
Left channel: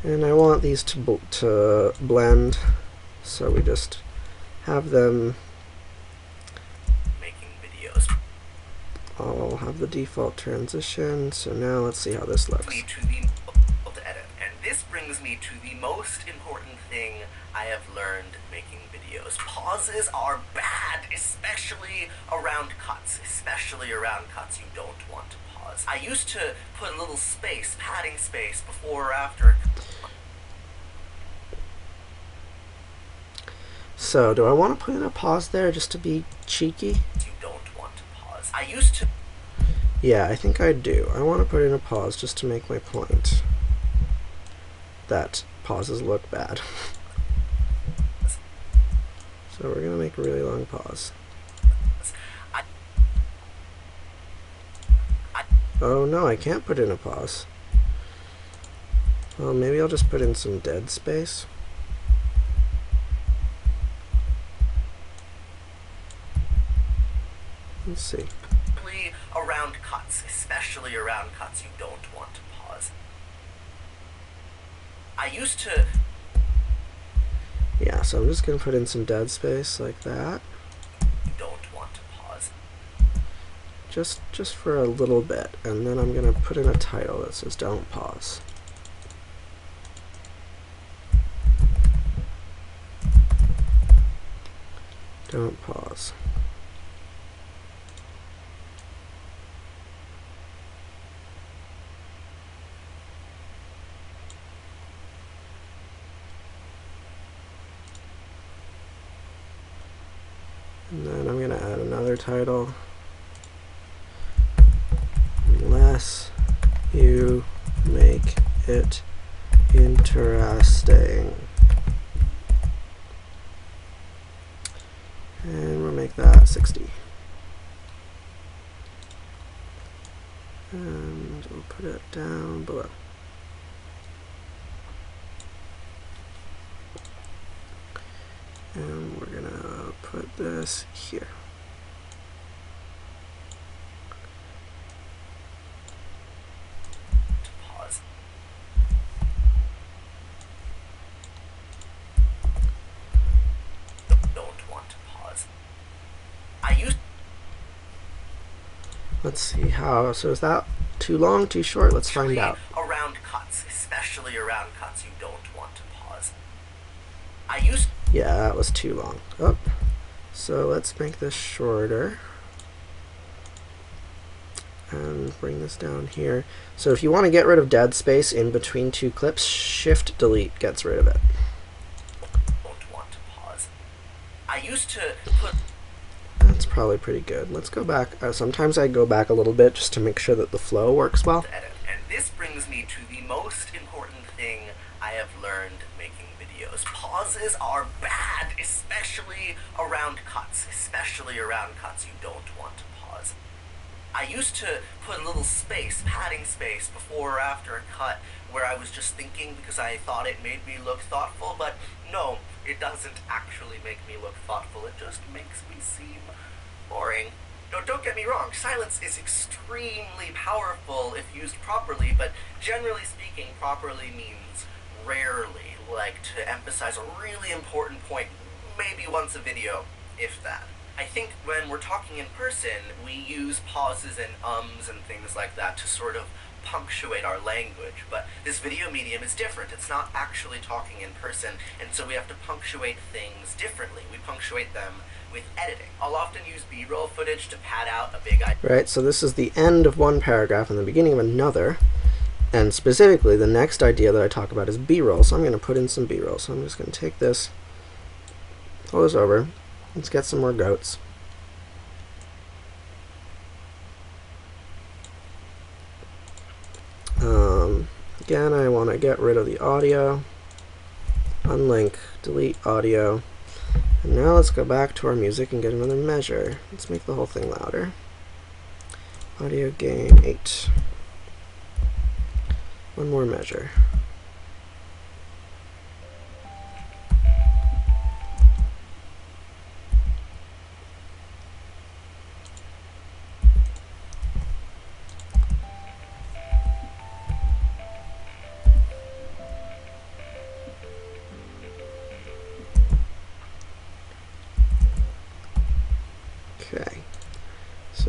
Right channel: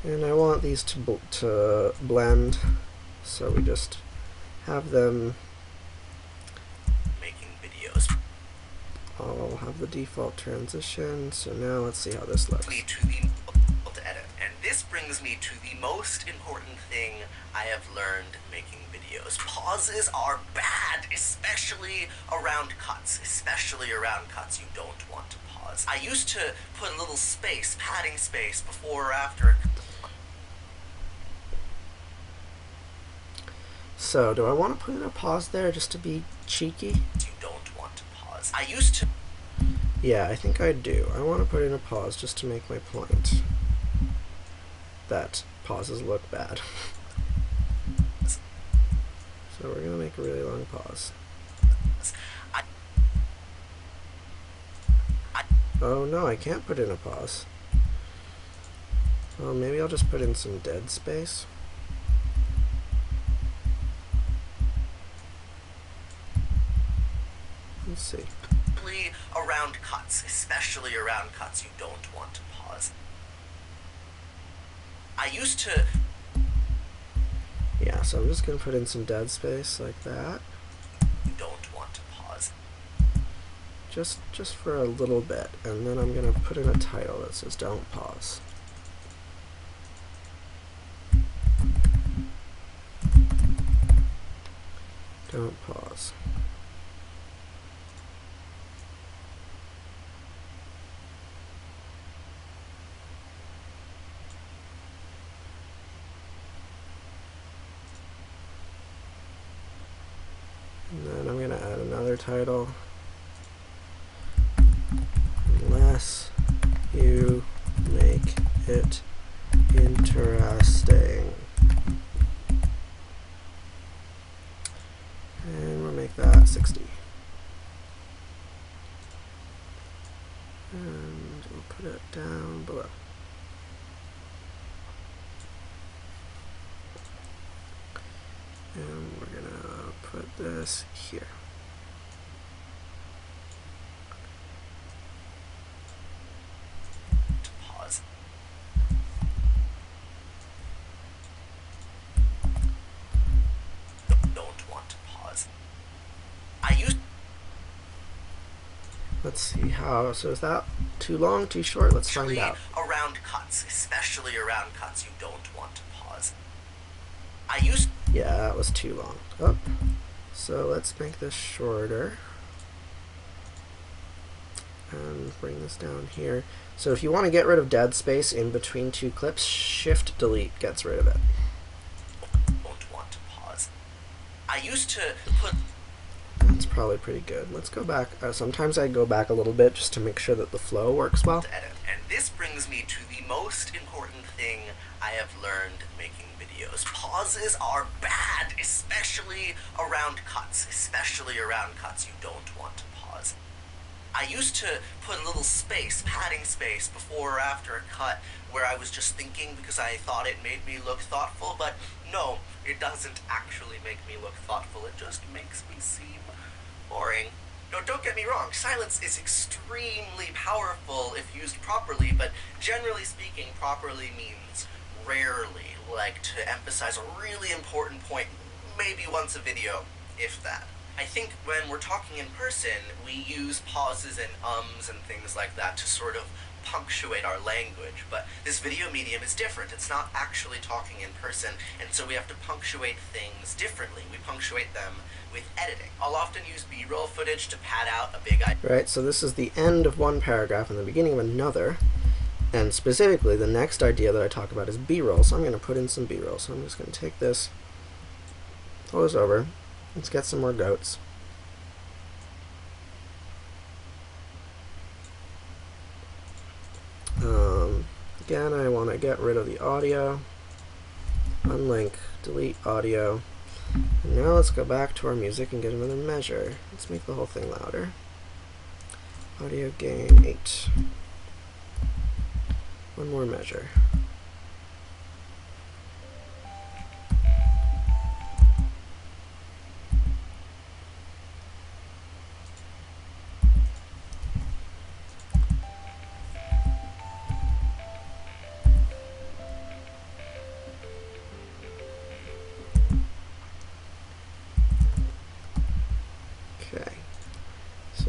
And I want these to blend, so we just have them. Making videos. I'll have the default transition. So now let's see how this looks. To edit. And this brings me to the most important thing I have learned making videos. Pauses are bad, especially around cuts. Especially around cuts you don't want to pause. I used to put a little space, padding space, before or after. So do I want to put in a pause there just to be cheeky? You don't want to pause. I used to. Yeah, I think I do. I want to put in a pause just to make my point that pauses look bad. So we're going to make a really long pause. Oh no, I can't put in a pause. Well, maybe I'll just put in some dead space. Let's see. Around cuts, especially around cuts you don't want to pause. I used to. Yeah, so I'm just going to put in some dead space like that. You don't want to pause. Just for a little bit, and then I'm going to put in a title that says don't pause. Don't pause. And then I'm going to add another title. Unless you make it interesting. And we'll make that 60. And we'll put it down below. And we're going to put this here. Pause. Don't want to pause. I used. Let's see how. So is that too long, too short? Let's find out. Around cuts, especially around cuts you don't want to pause. I used. Yeah, that was too long. Oh. So let's make this shorter. And bring this down here. So if you want to get rid of dead space in between two clips, Shift Delete gets rid of it. Don't want to pause. I used to put. That's probably pretty good. Let's go back. Sometimes I go back a little bit just to make sure that the flow works well. Edit. And this brings me to the most important thing I have learned making videos. Pauses are bad, especially around cuts. Especially around cuts you don't want to pause. I used to put a little space, padding space, before or after a cut where I was just thinking because I thought it made me look thoughtful, but no, it doesn't actually make me look thoughtful. It just makes me seem boring. No, don't get me wrong, silence is extremely powerful if used properly, but generally speaking, properly means rarely, like to emphasize a really important point, maybe once a video, if that. I think when we're talking in person, we use pauses and ums and things like that to sort of punctuate our language, but this video medium is different. It's not actually talking in person, and so we have to punctuate things differently. We punctuate them with editing. I'll often use B-roll footage to pad out a big idea. Right, so this is the end of one paragraph and the beginning of another. And specifically, the next idea that I talk about is B-roll, so I'm going to put in some B-roll. So I'm just going to take this, pull this over. Let's get some more goats. Again, I want to get rid of the audio. Unlink, delete audio. And now let's go back to our music and get another measure. Let's make the whole thing louder. Audio gain 8. One more measure.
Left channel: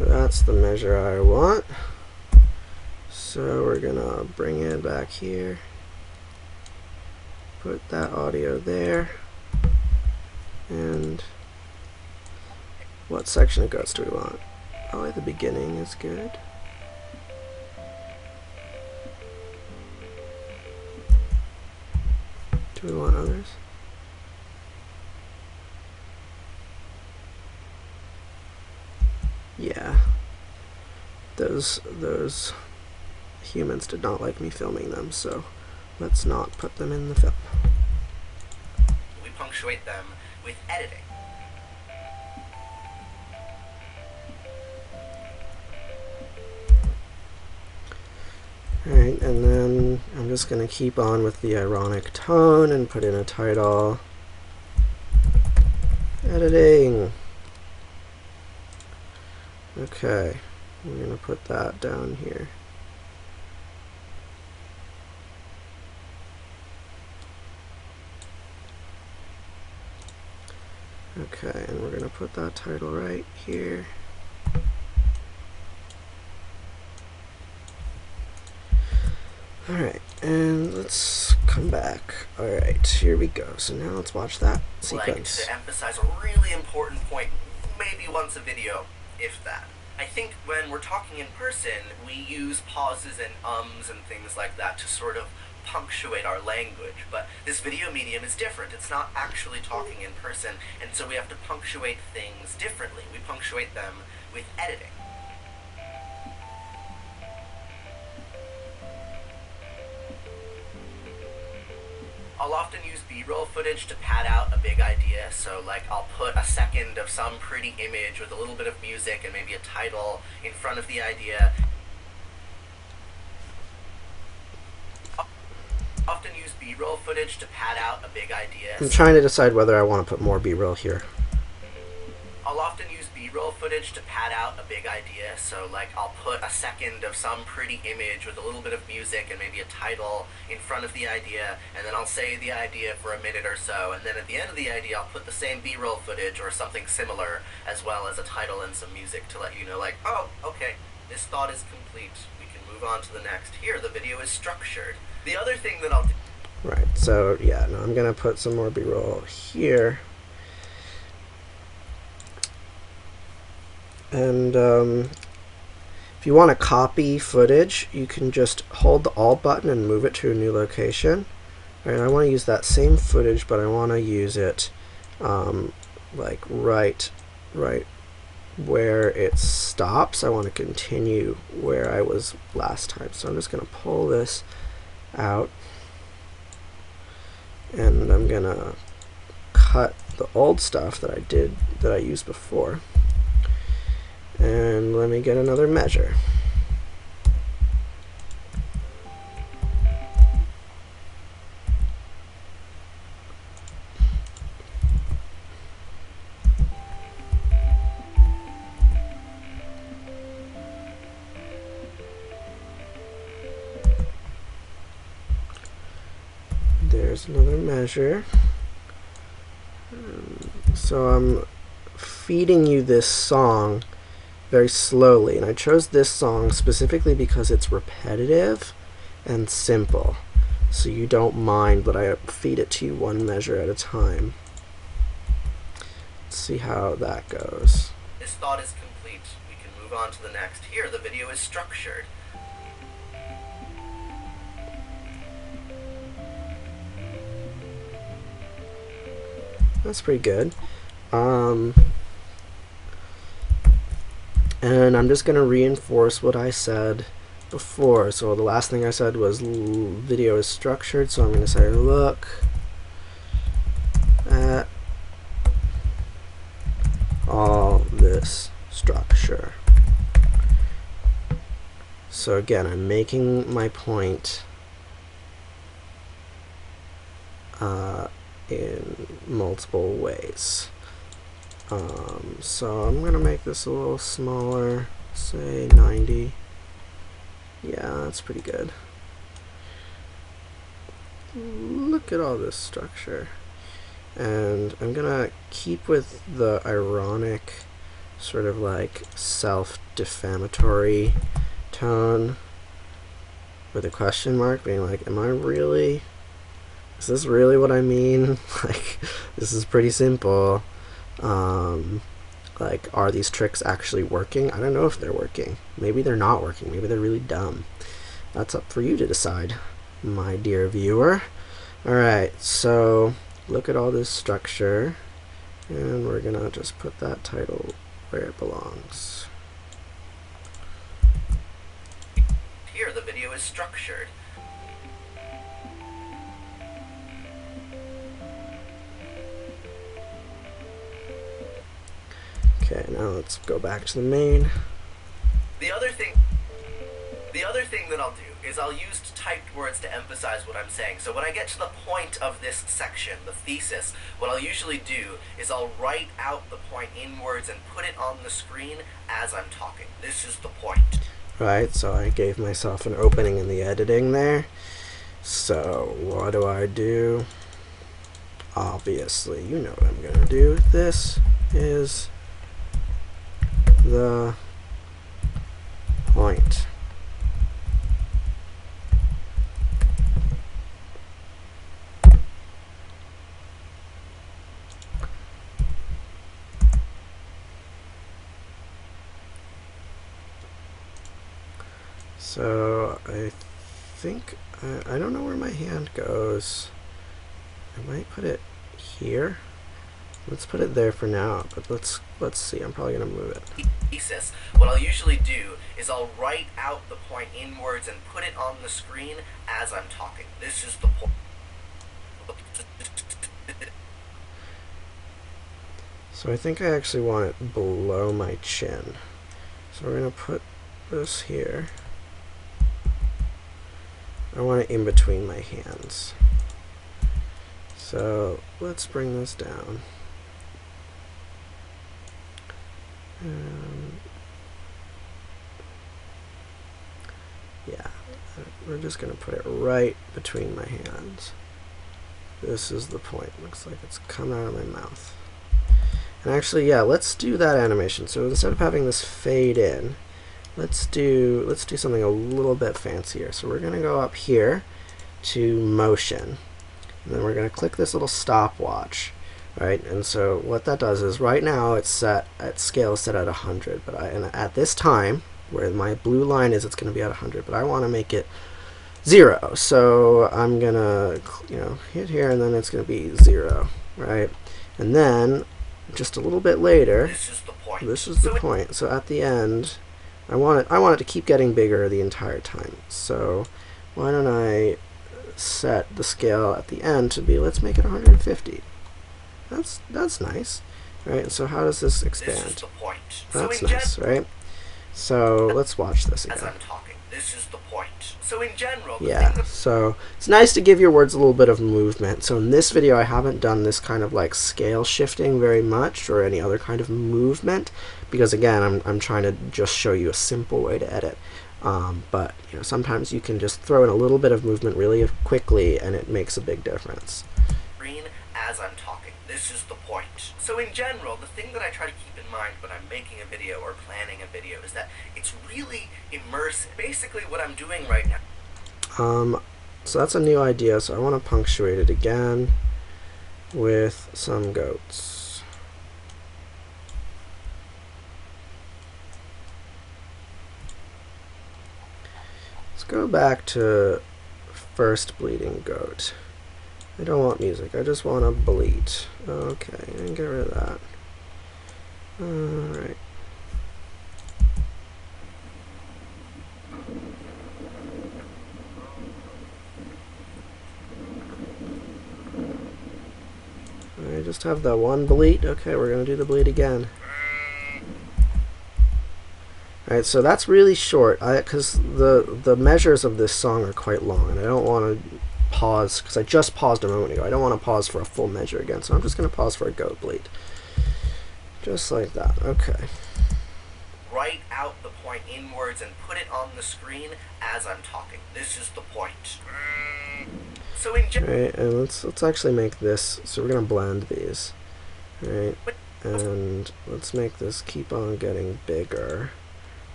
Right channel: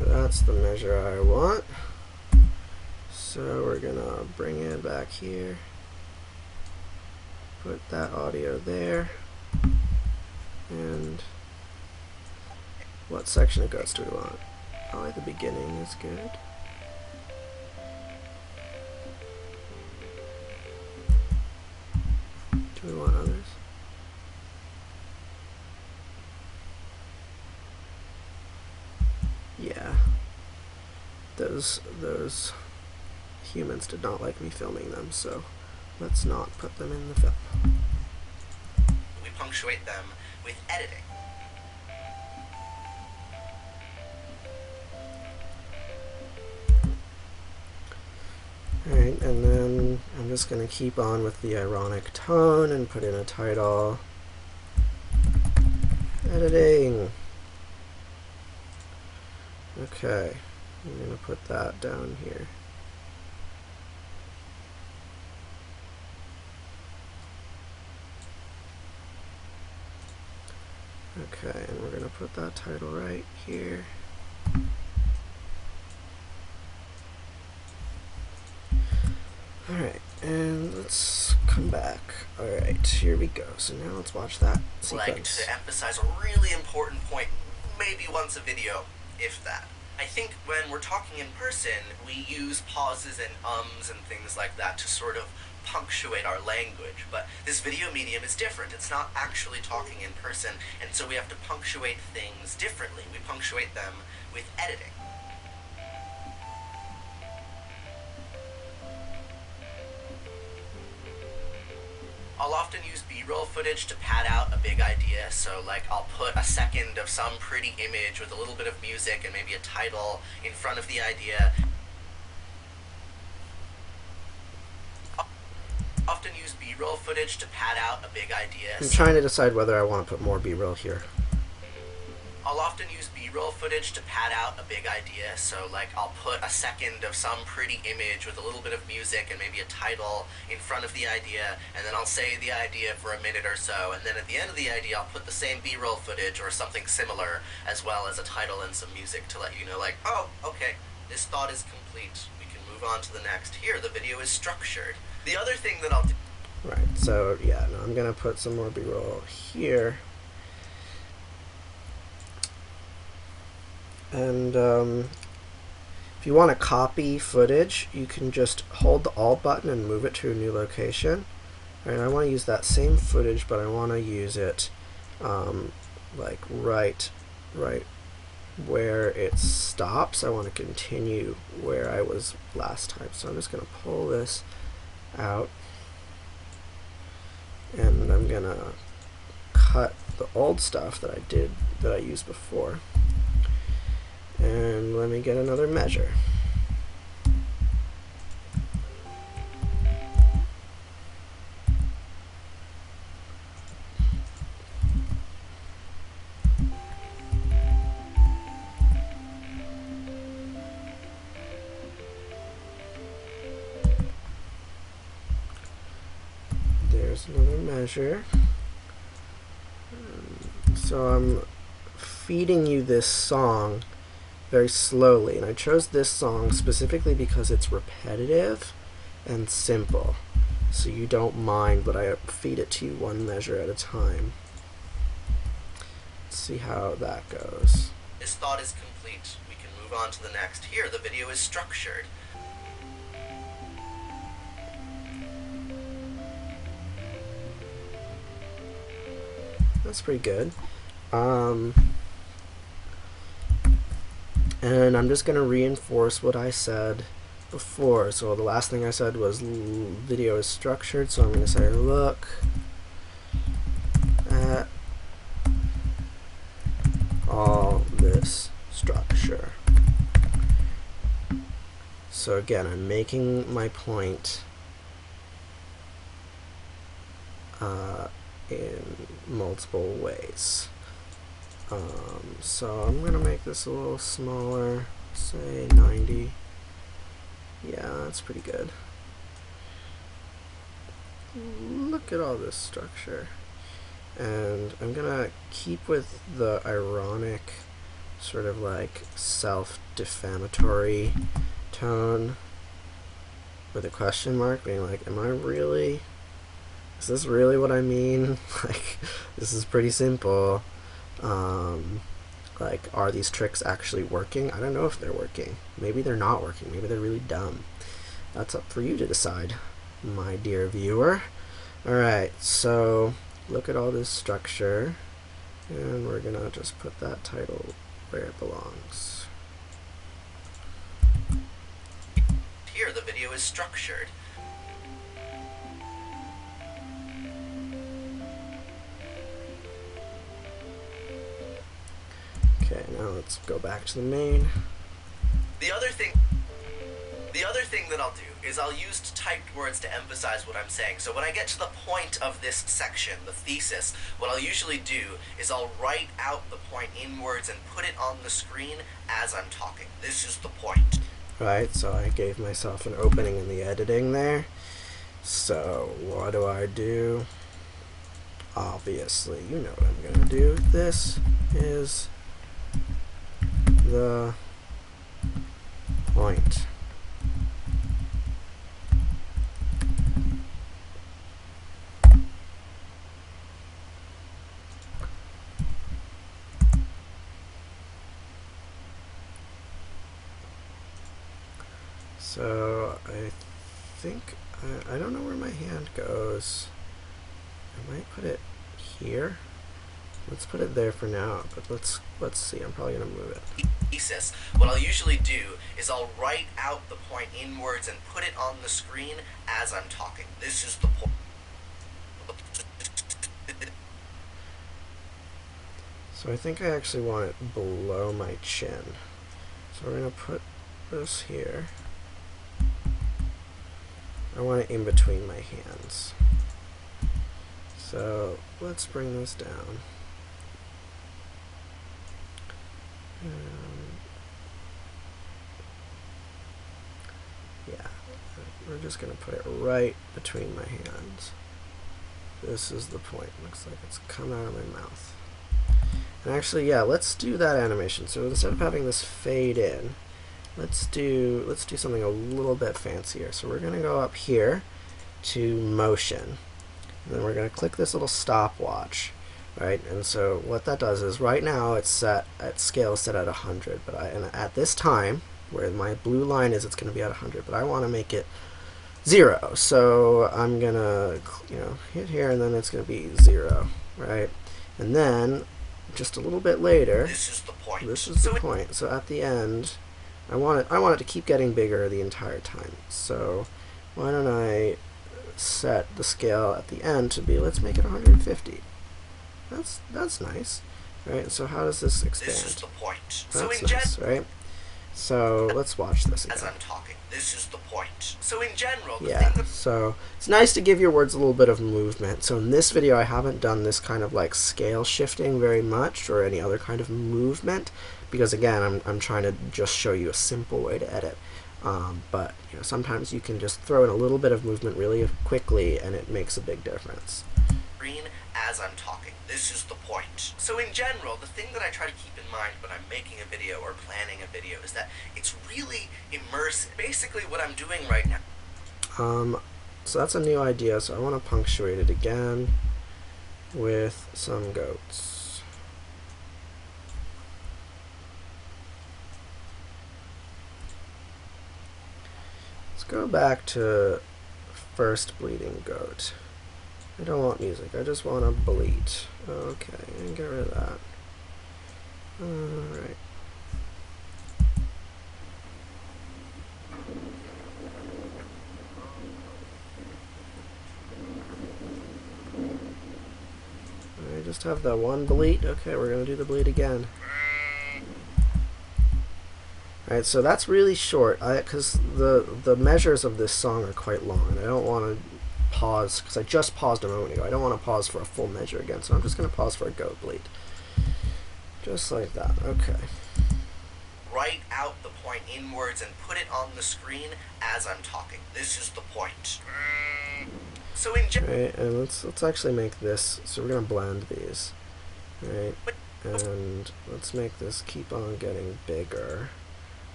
That's the measure I want. So we're gonna bring it back here, put that audio there, and what section of goats do we want? Oh, the beginning is good. Do we want others? Yeah. Those humans did not like me filming them, so let's not put them in the film. We punctuate them with editing. Alright, and then I'm just going to keep on with the ironic tone and put in a title. Editing. Okay, we're going to put that down here. Okay, and we're going to put that title right here. Alright, and let's come back. Alright, here we go. So now let's watch that sequence. Like to emphasize a really important point, maybe once a video, if that. I think when we're talking in person, we use pauses and ums and things like that to sort of punctuate our language, but this video medium is different. It's not actually talking in person, and so we have to punctuate things differently. We punctuate them with editing. I'll often use B-roll footage to pad out a big idea, so like I'll put a second of some pretty image with a little bit of music and maybe a title in front of the idea. Often use B-roll footage to pad out a big idea. I'm trying to decide whether I want to put more B-roll here. I'll often use B-roll footage to pad out a big idea, so like I'll put a second of some pretty image with a little bit of music and maybe a title in front of the idea, and then I'll say the idea for a minute or so, and then at the end of the idea I'll put the same B-roll footage or something similar, as well as a title and some music to let you know, like, oh, okay, this thought is complete, we can move on to the next. Here, the video is structured. The other thing that I'll do... Right, so yeah, no, I'm going to put some more B-roll here. And if you want to copy footage, you can just hold the Alt button and move it to a new location. Right, I want to use that same footage, but I want to use it like right where it stops. I want to continue where I was last time. So I'm just going to pull this out, and I'm going to cut the old stuff that I used before. And let me get another measure. There's another measure. So I'm feeding you this song very slowly, and I chose this song specifically because it's repetitive and simple, so you don't mind, but I feed it to you one measure at a time. Let's see how that goes. This thought is complete. We can move on to the next. Here, the video is structured. That's pretty good. And I'm just going to reinforce what I said before. So the last thing I said was video is structured, so I'm going to say look at all this structure. So again, I'm making my point in multiple ways. So I'm going to make this a little smaller, say 90. Yeah, that's pretty good. Look at all this structure. And I'm going to keep with the ironic sort of like self defamatory tone with a question mark, being like, am I really, is this really what I mean? Like, this is pretty simple. Like, are these tricks actually working? I don't know if they're working. Maybe they're not working. Maybe they're really dumb. That's up for you to decide, my dear viewer. Alright, so look at all this structure, and we're gonna just put that title where it belongs. Here, the video is structured. Okay, now let's go back to the main. The other thing that I'll do is I'll use typed words to emphasize what I'm saying. So when I get to the point of this section, the thesis, what I'll usually do is I'll write out the point in words and put it on the screen as I'm talking. This is the point. Right, so I gave myself an opening in the editing there. So what do? Obviously, you know what I'm gonna do. This is the point. So I think I don't know where my hand goes. I might put it here. Let's put it there for now, but let's see. I'm probably gonna move it. Thesis. What I'll usually do is I'll write out the point in words and put it on the screen as I'm talking. This is the point. So I think I actually want it below my chin. So we're gonna put this here. I want it in between my hands. So let's bring this down. Yeah, we're just going to put it right between my hands. This is the point. Looks like it's come out of my mouth. And actually, yeah, let's do that animation. So instead of having this fade in, let's do something a little bit fancier. So we're going to go up here to motion. And then we're going to click this little stopwatch. Right, and so what that does is right now it's set at scale set at 100, but and at this time where my blue line is, it's going to be at 100, but I want to make it 0. So I'm gonna hit here, and then it's going to be 0, right? And then just a little bit later, this is the point. This is the point. So at the end, I want it to keep getting bigger the entire time. So why don't I set the scale at the end to be, let's make it 150. That's nice, right? So how does this expand? This is the point. That's nice, right? So let's watch this again. As I'm talking, this is the point. So in general, yeah. So it's nice to give your words a little bit of movement. So in this video, I haven't done this kind of like scale shifting very much, or any other kind of movement, because again, I'm trying to just show you a simple way to edit. But sometimes you can just throw in a little bit of movement really quickly, and it makes a big difference. Green as I'm talking. This is the point. So in general, the thing that I try to keep in mind when I'm making a video or planning a video is that it's really immersive. Basically what I'm doing right now. So that's a new idea, so I want to punctuate it again with some goats. Let's go back to first bleeding goat. I don't want music, I just want to bleat. Okay, and get rid of that. Alright. I just have that one bleat. Okay, we're going to do the bleat again. Alright, so that's really short, because the measures of this song are quite long, and I don't want to pause, because I just paused a moment ago. I don't want to pause for a full measure again, so I'm just going to pause for a goat bleat. Just like that. Okay. Write out the point in words and put it on the screen as I'm talking. This is the point. So in right, and let's actually make this, so we're going to blend these. Right, and let's make this keep on getting bigger.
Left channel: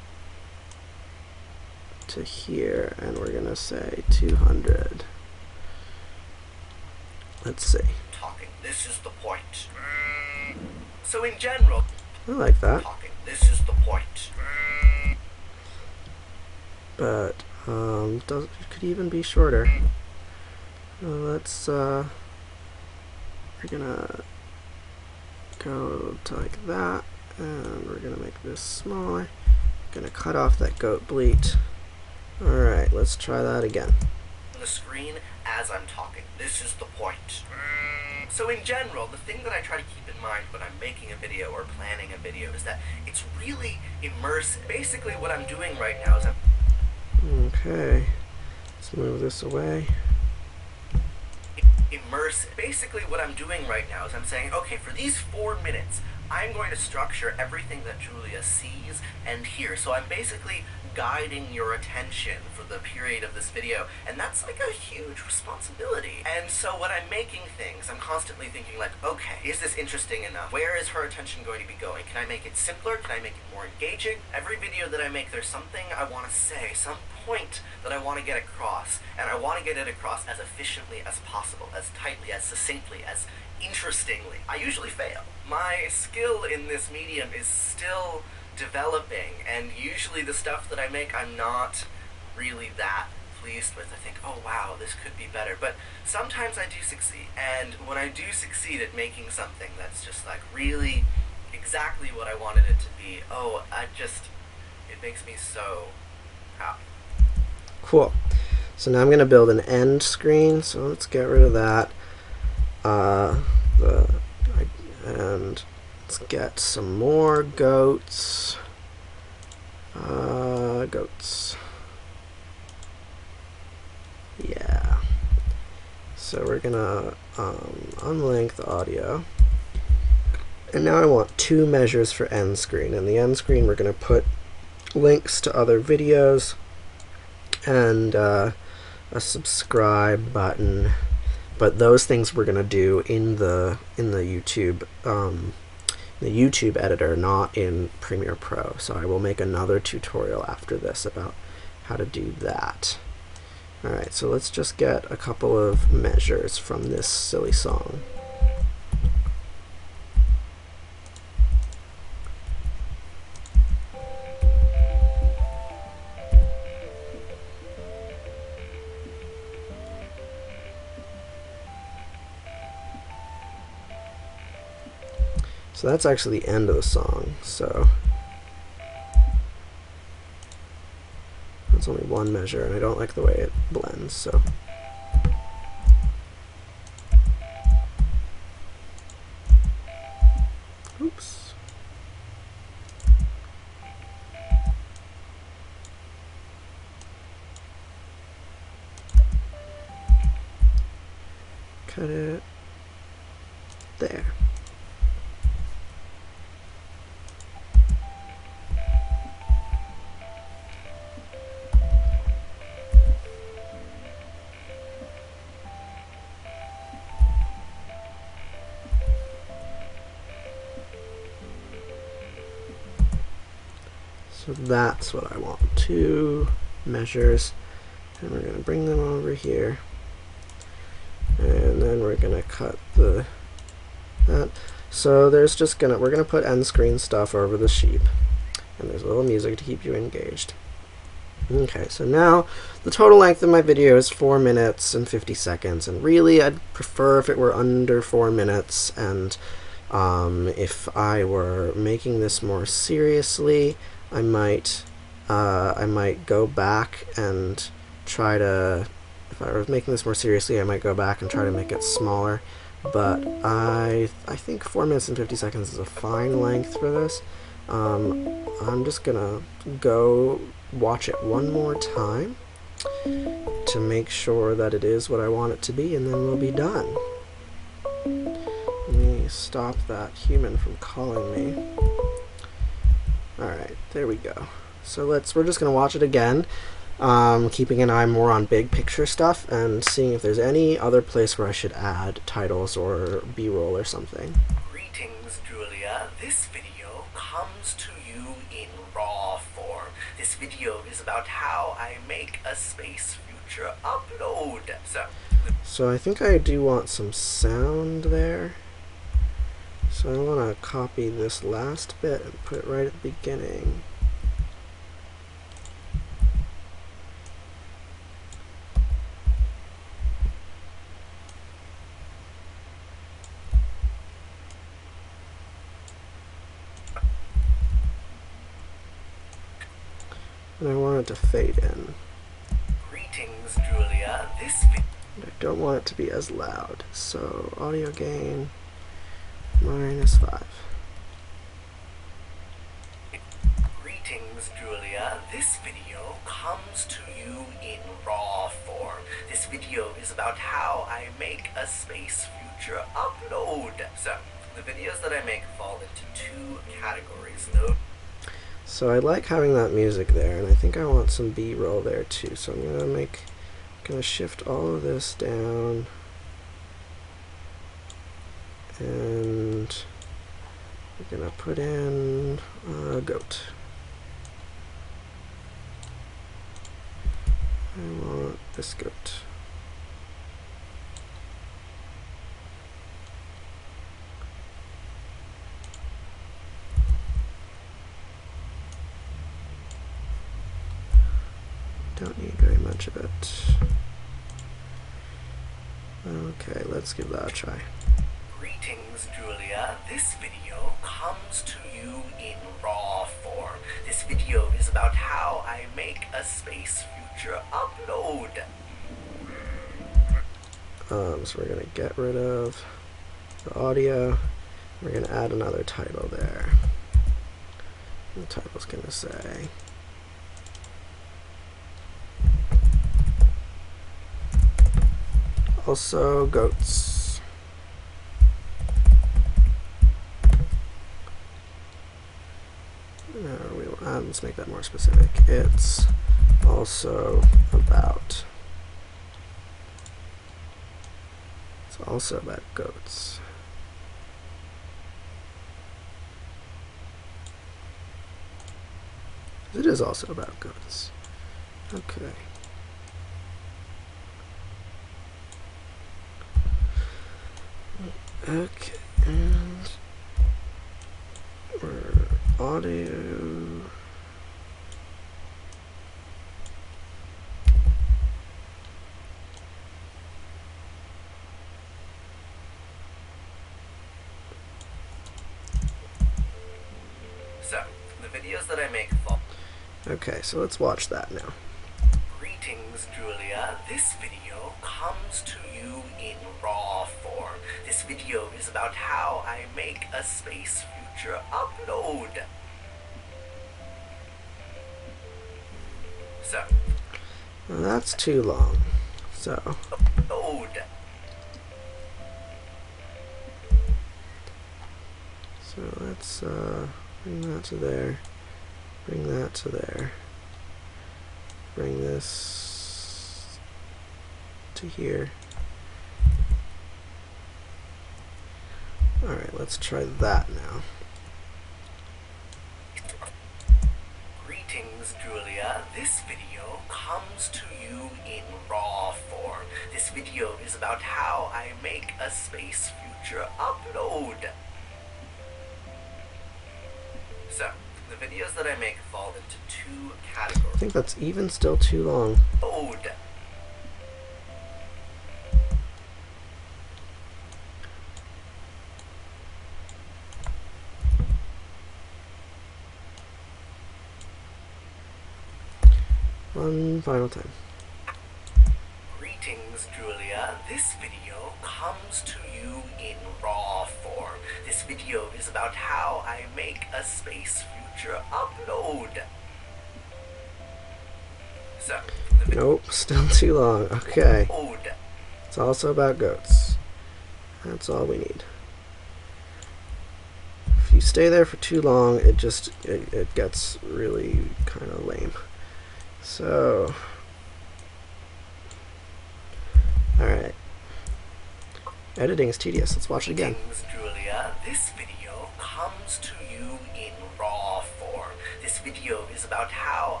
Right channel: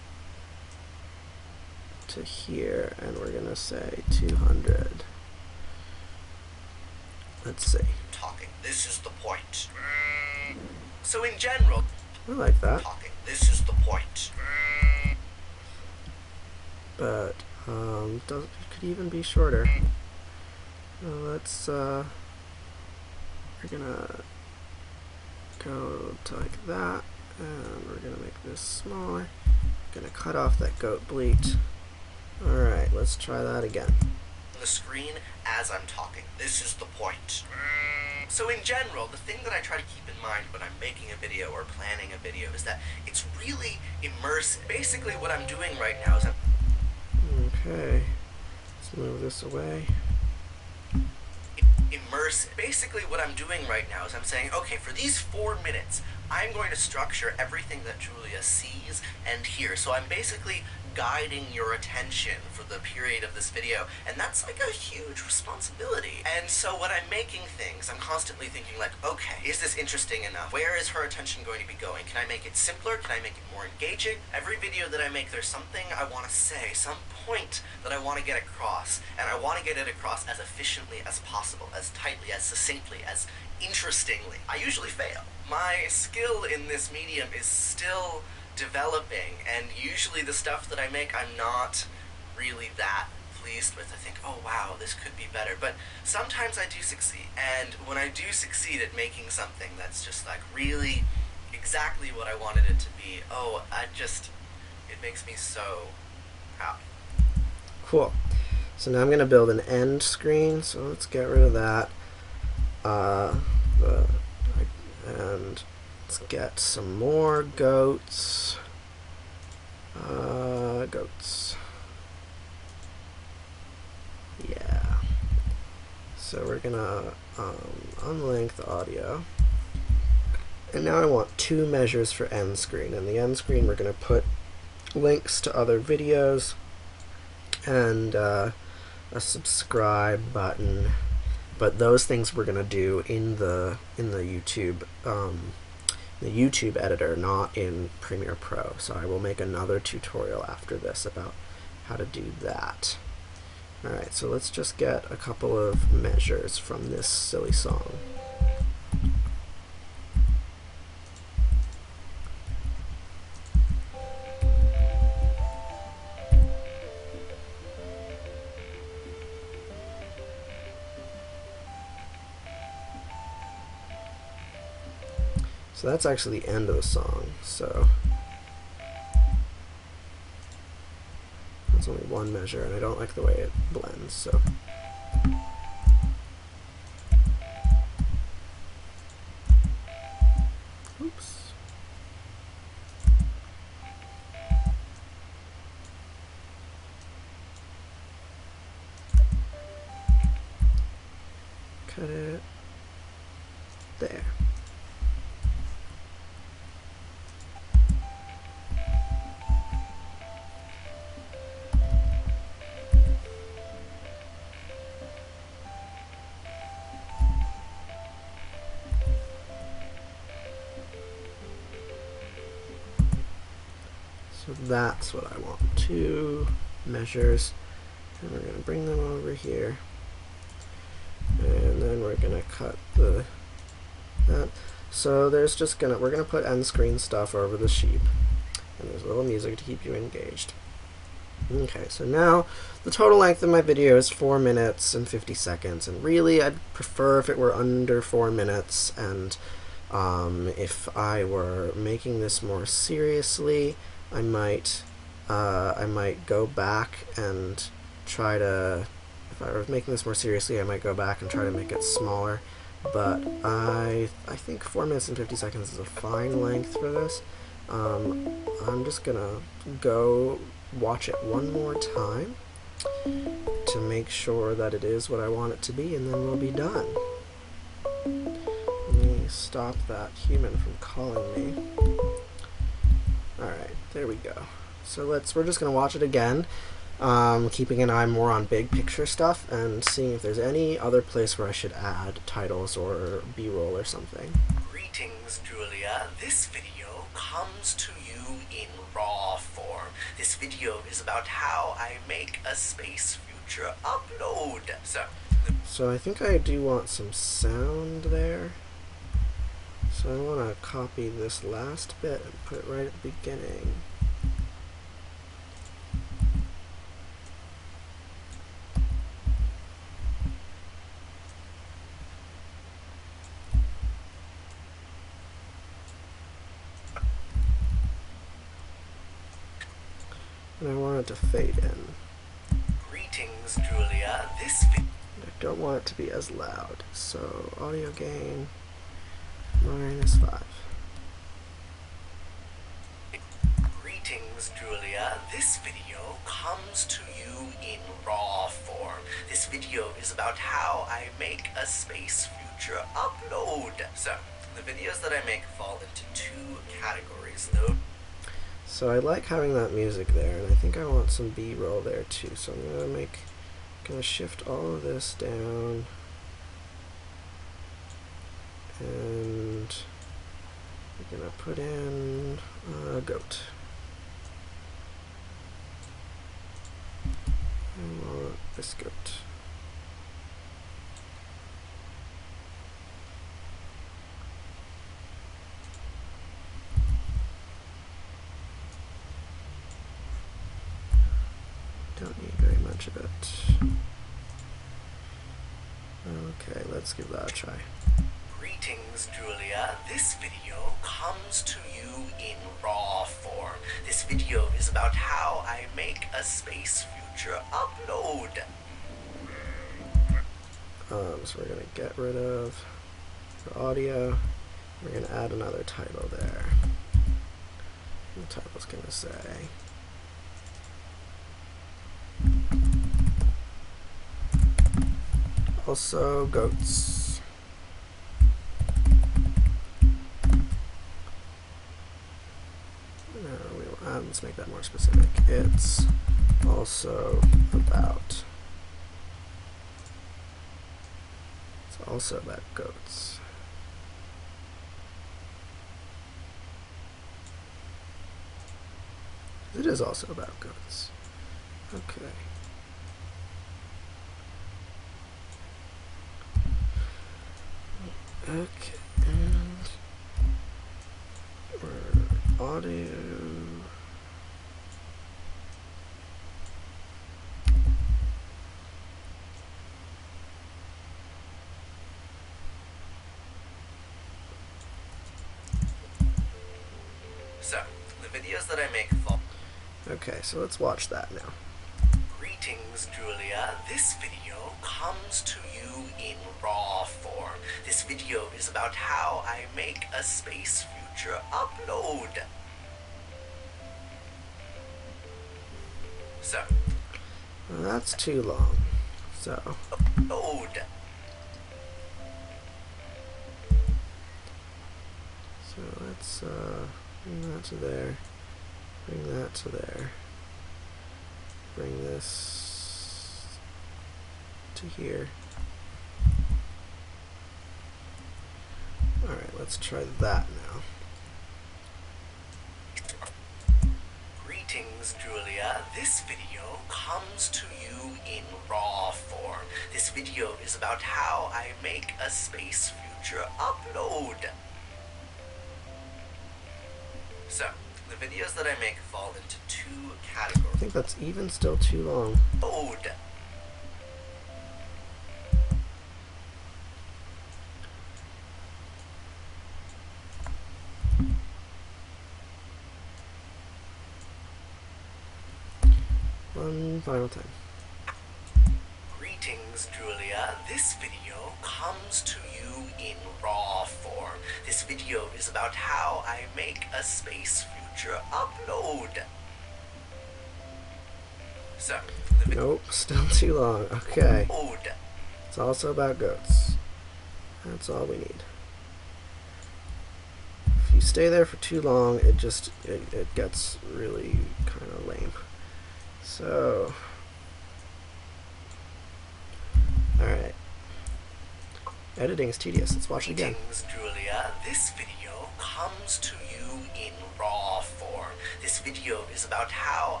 to here, and we're gonna say 200. Let's see. Talking. This is the point. So in general, I like that. talking. This is the point. But it could even be shorter. Let's we're gonna go to like that, and we're gonna make this smaller. Gonna cut off that goat bleat. Alright, let's try that again. The screen as I'm talking. This is the point. So in general, the thing that I try to keep in mind when I'm making a video or planning a video is that it's really immersive. Basically what I'm doing right now is Okay, let's move this away. Immersive. Basically what I'm doing right now is I'm saying, okay, for these 4 minutes, I'm going to structure everything that Julia sees and hears. So I'm basically guiding your attention for the period of this video, and that's like a huge responsibility. And so when I'm making things, I'm constantly thinking like, okay, is this interesting enough? Where is her attention going to be going? Can I make it simpler? Can I make it more engaging? Every video that I make, there's something I want to say, some point that I want to get across, and I want to get it across as efficiently as possible, as tightly, as succinctly, as interestingly. I usually fail. My skill in this medium is still developing, and usually the stuff that I make I'm not really that pleased with. I think, oh wow, this could be better, but sometimes I do succeed, and when I do succeed at making something that's just like really exactly what I wanted it to be, it makes me so happy. Cool. So now I'm gonna build an end screen, so let's get rid of that. And let's get some more goats. Goats. Yeah. So we're gonna unlink the audio. And now I want 2 measures for end screen. In the end screen we're gonna put links to other videos and a subscribe button. But those things we're gonna do in the YouTube editor, not in Premiere Pro. So I will make another tutorial after this about how to do that. Alright, so let's just get a couple of measures from this silly song. So that's actually the end of the song, so that's only 1 measure, and I don't like the way it blends, so oops. Cut it there. So that's what I want. 2 measures, and we're going to bring them over here, and then we're going to cut that. So there's just we're gonna put end screen stuff over the sheep, and there's a little music to keep you engaged. Okay, so now the total length of my video is 4 minutes and 50 seconds, and really I'd prefer if it were under 4 minutes, and if I were making this more seriously, I might go back and try to, if I was making this more seriously, I might go back and try to make it smaller. But I think 4 minutes and 50 seconds is a fine length for this. I'm just gonna go watch it one more time to make sure that it is what I want it to be, and then we'll be done. Let me stop that human from calling me. Alright, there we go. So we're just gonna watch it again, keeping an eye more on big picture stuff and seeing if there's any other place where I should add titles or B-roll or something. Greetings, Julia. This video comes to you in raw form. This video is about how I make a space future upload. So I think I do want some sound there. So I want to copy this last bit and put it right at the beginning. And I want it to fade in. Greetings, Julia. I don't want it to be as loud. So audio gain -5. Greetings, Julia. This video comes to you in raw form. This video is about how I make a space future upload. So, the videos that I make fall into two categories, though. So I like having that music there, and I think I want some B-roll there too. So I'm gonna shift all of this down, and we're gonna put in a goat. I want this goat. Don't need very much of it. Okay, let's give that a try. Greetings, Julia. This video comes to you in raw form. This video is about how I make a space future upload. So we're gonna get rid of the audio. We're gonna add another title there. The title's gonna say also goats. Let's make that more specific. It's also about. It's also about goats. It is also about goats. Okay. Okay, and we're audio. So, the videos that I make fall. Okay, so let's watch that now. Greetings, Julia. This video comes to you in raw form. This video is about how I make a space future upload. So, Well, that's too long. So upload. So let's bring that to there. Bring that to there. Bring this to here. Alright, let's try that now. Greetings, Julia. This video comes to you in raw form. This video is about how I make a space future upload. So, the videos that I make fall into two categories. I think that's even still too long. Load. One final time. Greetings, Julia. This video comes to you in raw form. This video is about how I make a space future upload. So, Nope, still too long. Okay. load. It's also about goats. That's all we need. If you stay there for too long, it gets really kind of lame. So, alright. Editing is tedious. Let's watch it again. Greetings, Julia. This video comes to you in raw form. This video is about how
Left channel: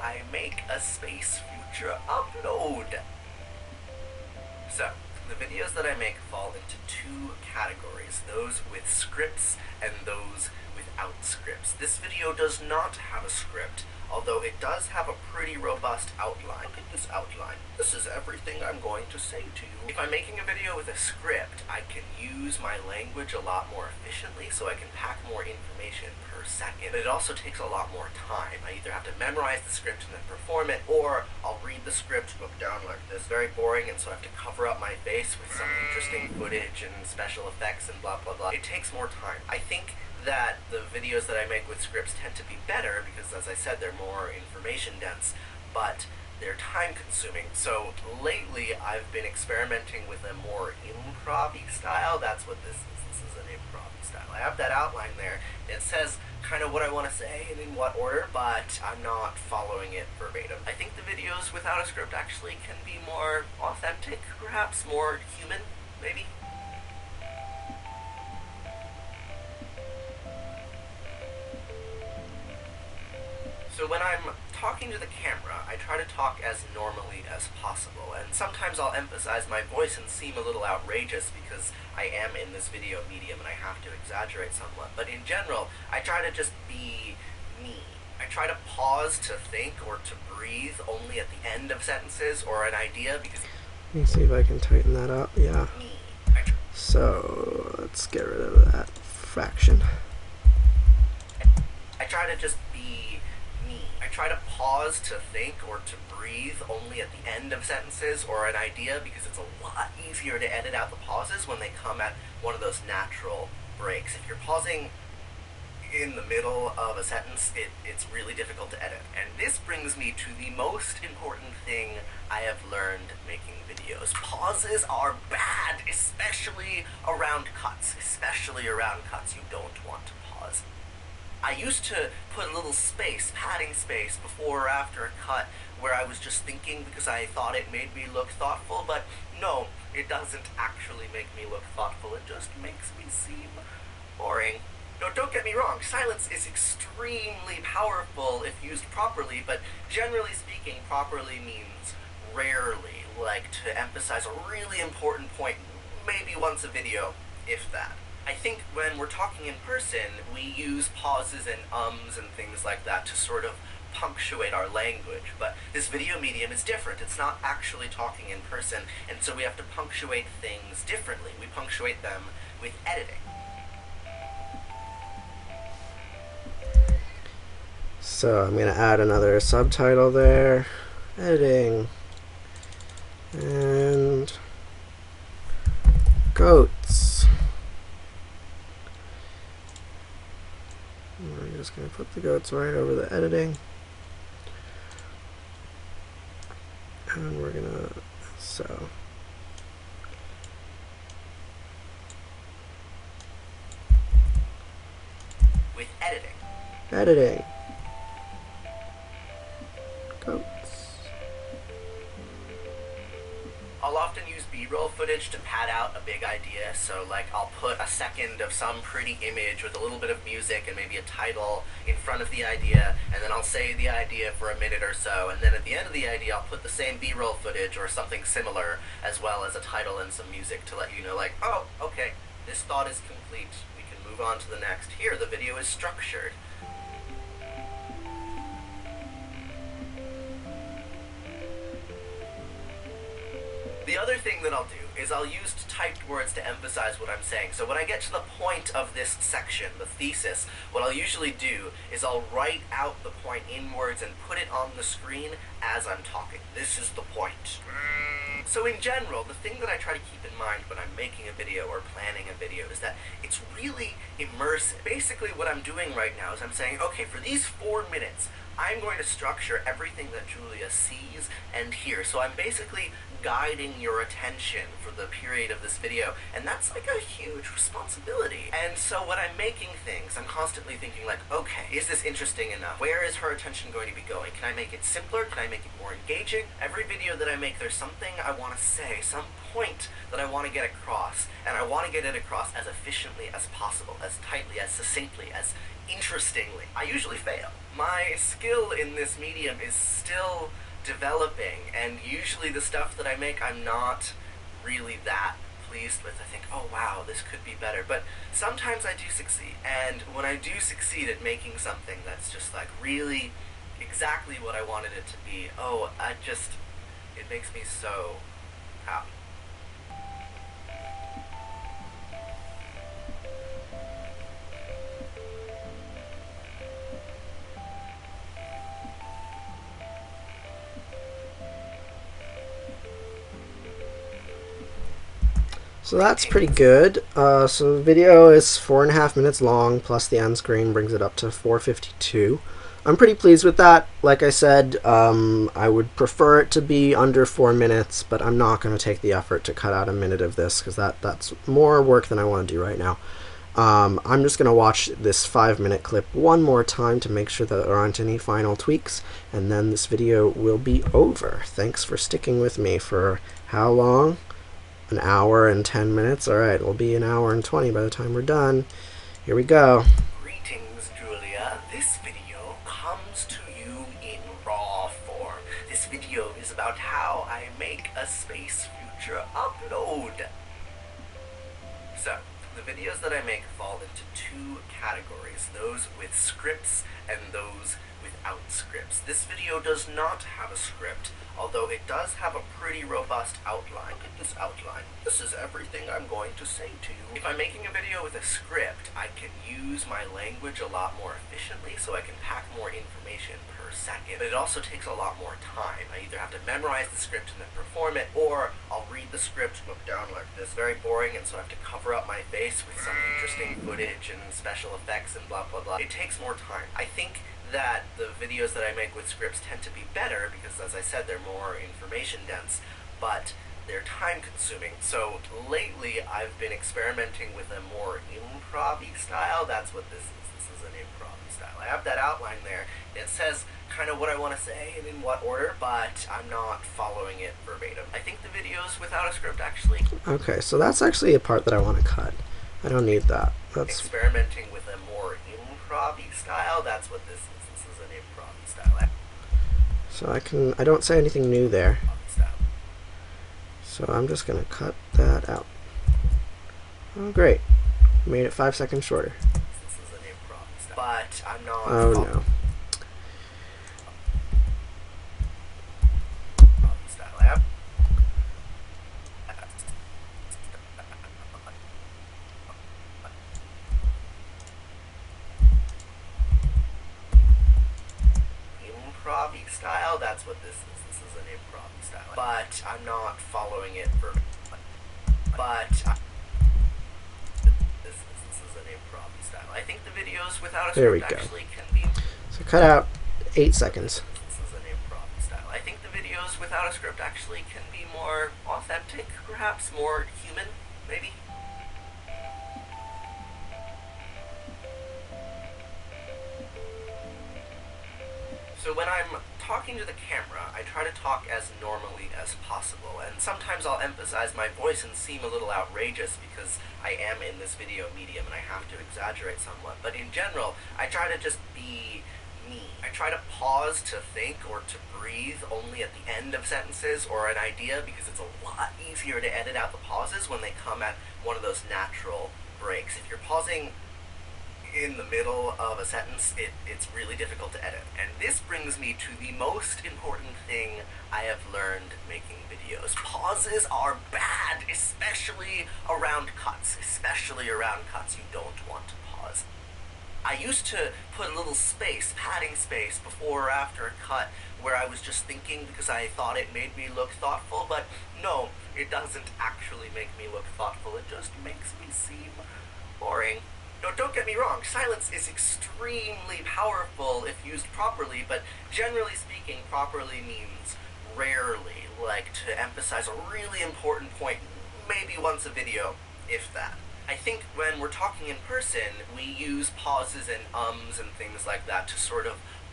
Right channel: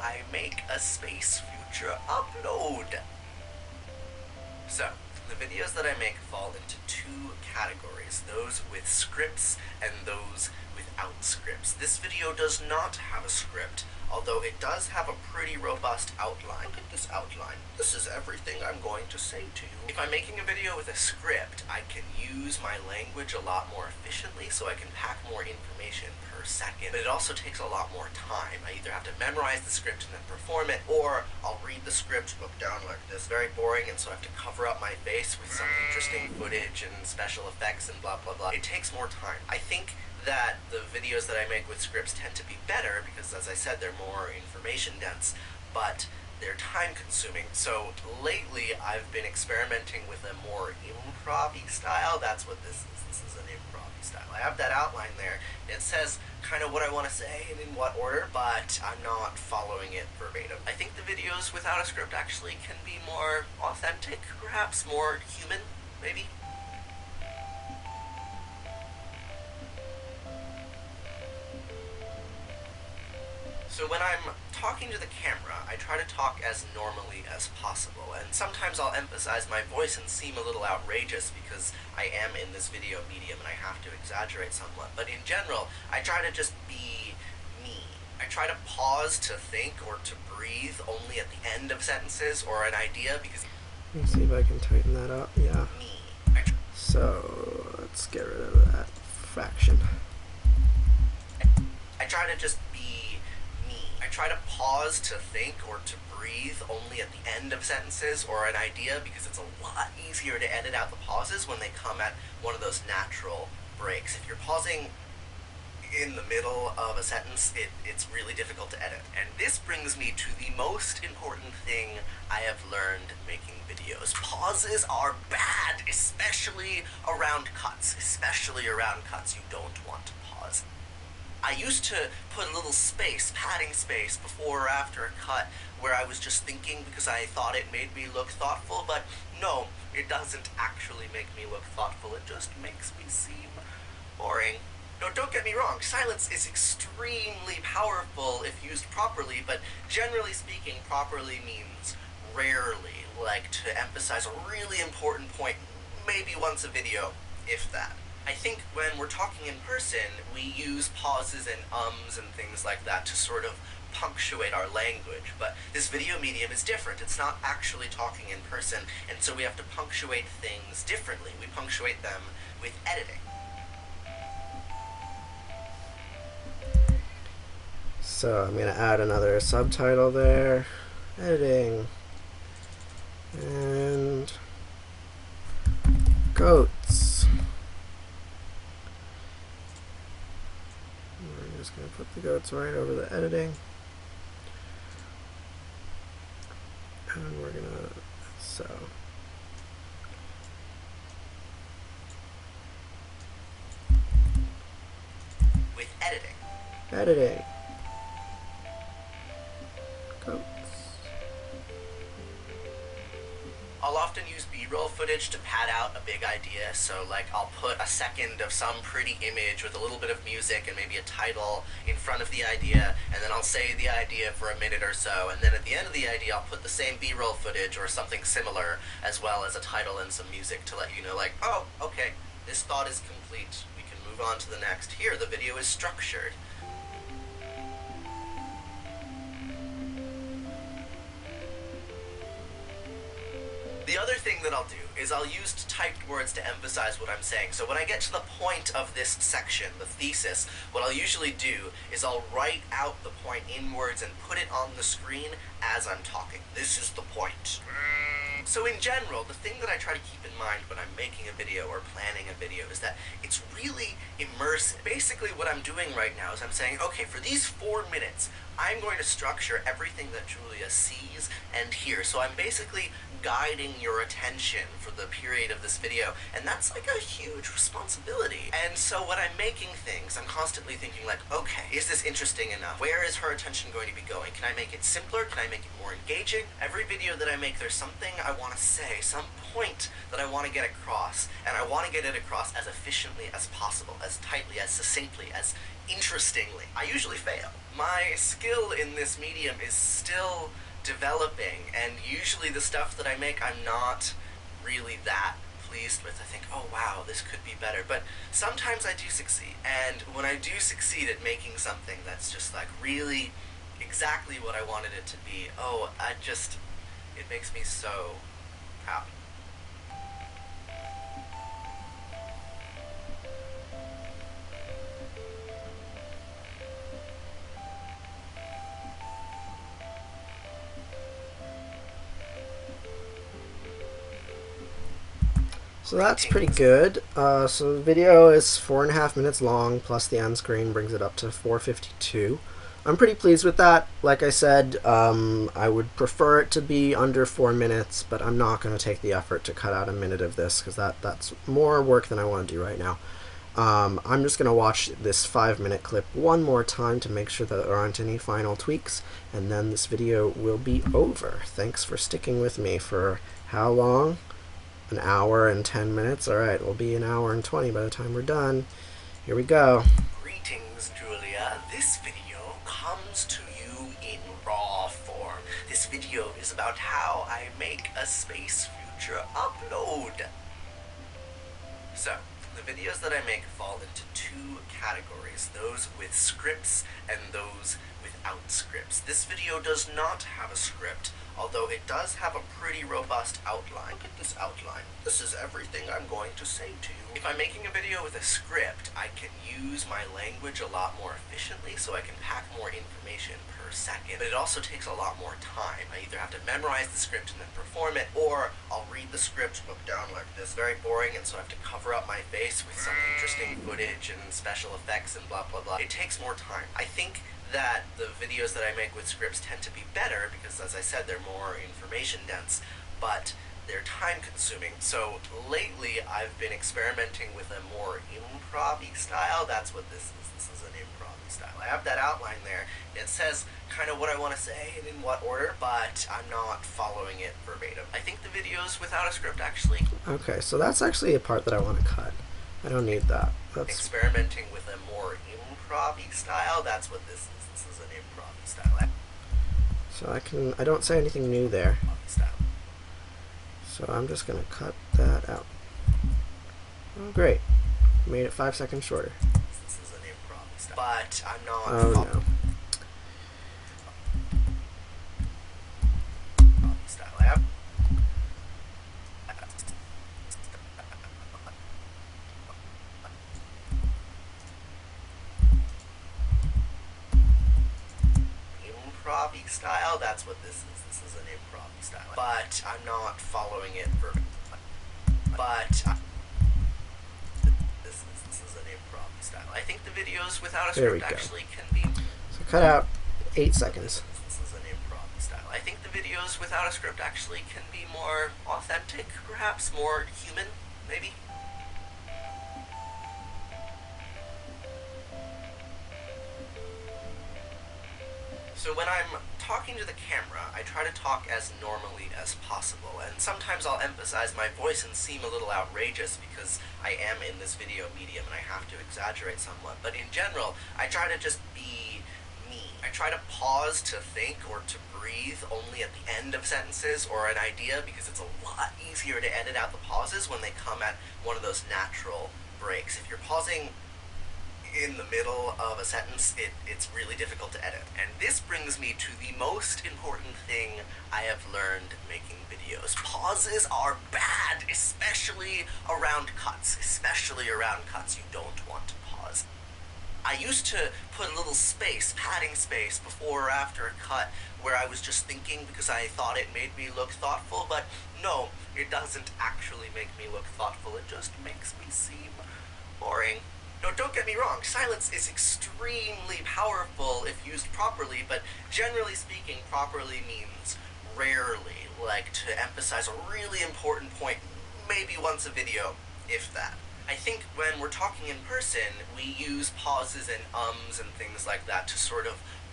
I make a space future upload. So, the videos that I make fall into two categories, those with scripts and those without scripts. This video does not have a script, although it does have a pretty robust outline. Look at this outline. This is everything I'm going to say to you. If I'm making a video with a script, I can use my language a lot more efficiently, so I can pack more information per second. But it also takes a lot more time. I either have to memorize the script and then perform it, or I'll read the script, look down like this, very boring, and so I have to cover up my face with some interesting footage and special effects and blah blah blah. It takes more time. I think that the videos that I make with scripts tend to be better because, as I said, they're more information dense, but they're time consuming. So lately I've been experimenting with a more improv-y style. That's what this is. This is an improv-y style. I have that outline there. It says kind of what I want to say and in what order, but I'm not following it verbatim. I think the videos without a script actually can be more authentic, perhaps more human, maybe. So when I'm talking to the camera, I try to talk as normally as possible, and sometimes I'll emphasize my voice and seem a little outrageous because I am in this video medium and I have to exaggerate somewhat. But in general, I try to just be me. I try to pause to think or to breathe only at the end of sentences or an idea because... Let me see if I can tighten that up. Yeah. Me. So let's get rid of that fraction. I try to just be me. I try to pause to think or to breathe only at the end of sentences or an idea because it's a lot easier to edit out the pauses when they come at one of those natural breaks. If you're pausing in the middle of a sentence, it's really difficult to edit. And this brings me to the most important thing I have learned making videos. Pauses are bad, especially around cuts. Especially around cuts. You don't want to pause. I used to put a little space, padding space, before or after a cut where I was just thinking because I thought it made me look thoughtful, but no, it doesn't actually make me look thoughtful. It just makes me seem boring. No, don't get me wrong, silence is extremely powerful if used properly, but generally speaking, properly means rarely, like to emphasize a really important point, maybe once a video, if that. I think when we're talking in person, we use pauses and ums and things like that to sort of punctuate our language, but this video medium is different. It's not actually talking in person, and so we have to punctuate things differently. We punctuate them with editing. So I'm going to add another subtitle there, editing, and goats. And we're just going to put the goats right over the editing. And we're going to, so. With editing. Editing. Goats. I'll often use B-roll footage to pad out a big idea, so like I'll put a second of some pretty image with a little bit of music and maybe a title in front of the idea, and then I'll say the idea for a minute or so, and then at the end of the idea I'll put the same B-roll footage or something similar, as well as a title and some music to let you know, like, oh, okay, this thought is complete, we can move on to the next. Here, the video is structured. The other thing that I'll do is I'll use typed words to emphasize what I'm saying. So when I get to the point of this section, the thesis, what I'll usually do is I'll write out the point in words and put it on the screen as I'm talking. This is the point. So in general, the thing that I try to keep in mind when I'm making a video or planning a video is that it's really immersive. Basically what I'm doing right now is I'm saying, okay, for these 4 minutes, I'm going to structure everything that Julia sees and hears. So I'm basically guiding your attention for the period of this video, and that's like a huge responsibility. And so when I'm making things, I'm constantly thinking like, okay, is this interesting enough? Where is her attention going to be going? Can I make it simpler? Can I make it more engaging? Every video that I make, there's something I want to say, some point that I want to get across, and I want to get it across as efficiently as possible, as tightly, as succinctly, as interestingly. I usually fail. My skill in this medium is still developing, and usually the stuff that I make I'm not really that pleased with. I think, oh wow, this could be better. But sometimes I do succeed. And when I do succeed at making something that's just like really exactly what I wanted it to be, it makes me so proud. So that's pretty good. So the video is 4.5 minutes long, plus the end screen brings it up to 4:52. I'm pretty pleased with that. Like I said, I would prefer it to be under 4 minutes, but I'm not going to take the effort to cut out a minute of this because that's more work than I want to do right now. I'm just going to watch this 5-minute clip one more time to make sure that there aren't any final tweaks, and then this video will be over. Thanks for sticking with me for how long? An hour and 10 minutes. Alright, it'll be an hour and 20 by the time we're done. Here we go. Greetings, Julia. This video comes to you in raw form. This video is about how I make a space future upload. So, the videos that I make fall into two categories, those with scripts and those without scripts. This video does not have a script, although it does have a pretty robust outline. Look at this outline. This is everything I'm going to say to you. If I'm making a video with a script, I can use my language a lot more efficiently, so I can pack more information per second. But it also takes a lot more time. I either have to memorize the script and then perform it, or I'll read the script, look down like this. Very boring, and so I have to cover up my face with some interesting footage and special effects and blah blah blah. It takes more time. I think that the videos that I make with scripts tend to be better because, as I said, they're more information dense, but they're time consuming. So lately I've been experimenting with a more improv-y style. That's what this is. This is an improv-y style. I have that outline there. It says kind of what I want to say and in what order, but I'm not following it verbatim. I think the videos without a script actually... Okay, so that's actually a part that I want to cut. I don't need that. That's experimenting with a more improv-y style. That's what this is. This is an improv-y style. So I don't say anything new there. So I'm just going to cut that out. Oh, great. Made it 5 seconds shorter. This is an improv-y style. But I'm not... Oh, no. Improv-y style. That's what this is. This is an improv-y style. But I'm not following it verbatim. This is an improv-y style. I think the videos without a script actually can be... So cut out 8 seconds. This is an improv-y style. I think the videos without a script actually can be more authentic, perhaps more human, maybe. So when I'm talking to the camera, I try to talk as normally as possible, and sometimes I'll emphasize my voice and seem a little outrageous because I am in this video medium and I have to exaggerate somewhat. But in general, I try to just be me. I try to pause to think or to breathe only at the end of sentences or an idea, because it's a lot easier to edit out the pauses when they come at one of those natural breaks. If you're pausing in the middle of a sentence, it's really difficult to edit. And this brings me to the most important thing I have learned making videos. Pauses are bad, especially around cuts. Especially around cuts, you don't want to pause. I used to put a little space, padding space, before or after a cut where I was just thinking because I thought it made me look thoughtful, but no, it doesn't actually make me look thoughtful. It just makes me seem boring. No, don't get me wrong, silence is extremely powerful if used properly, but generally speaking, properly means rarely, like to emphasize a really important point, maybe once a video, if that. I think when we're talking in person, we use pauses and ums and things like that to sort of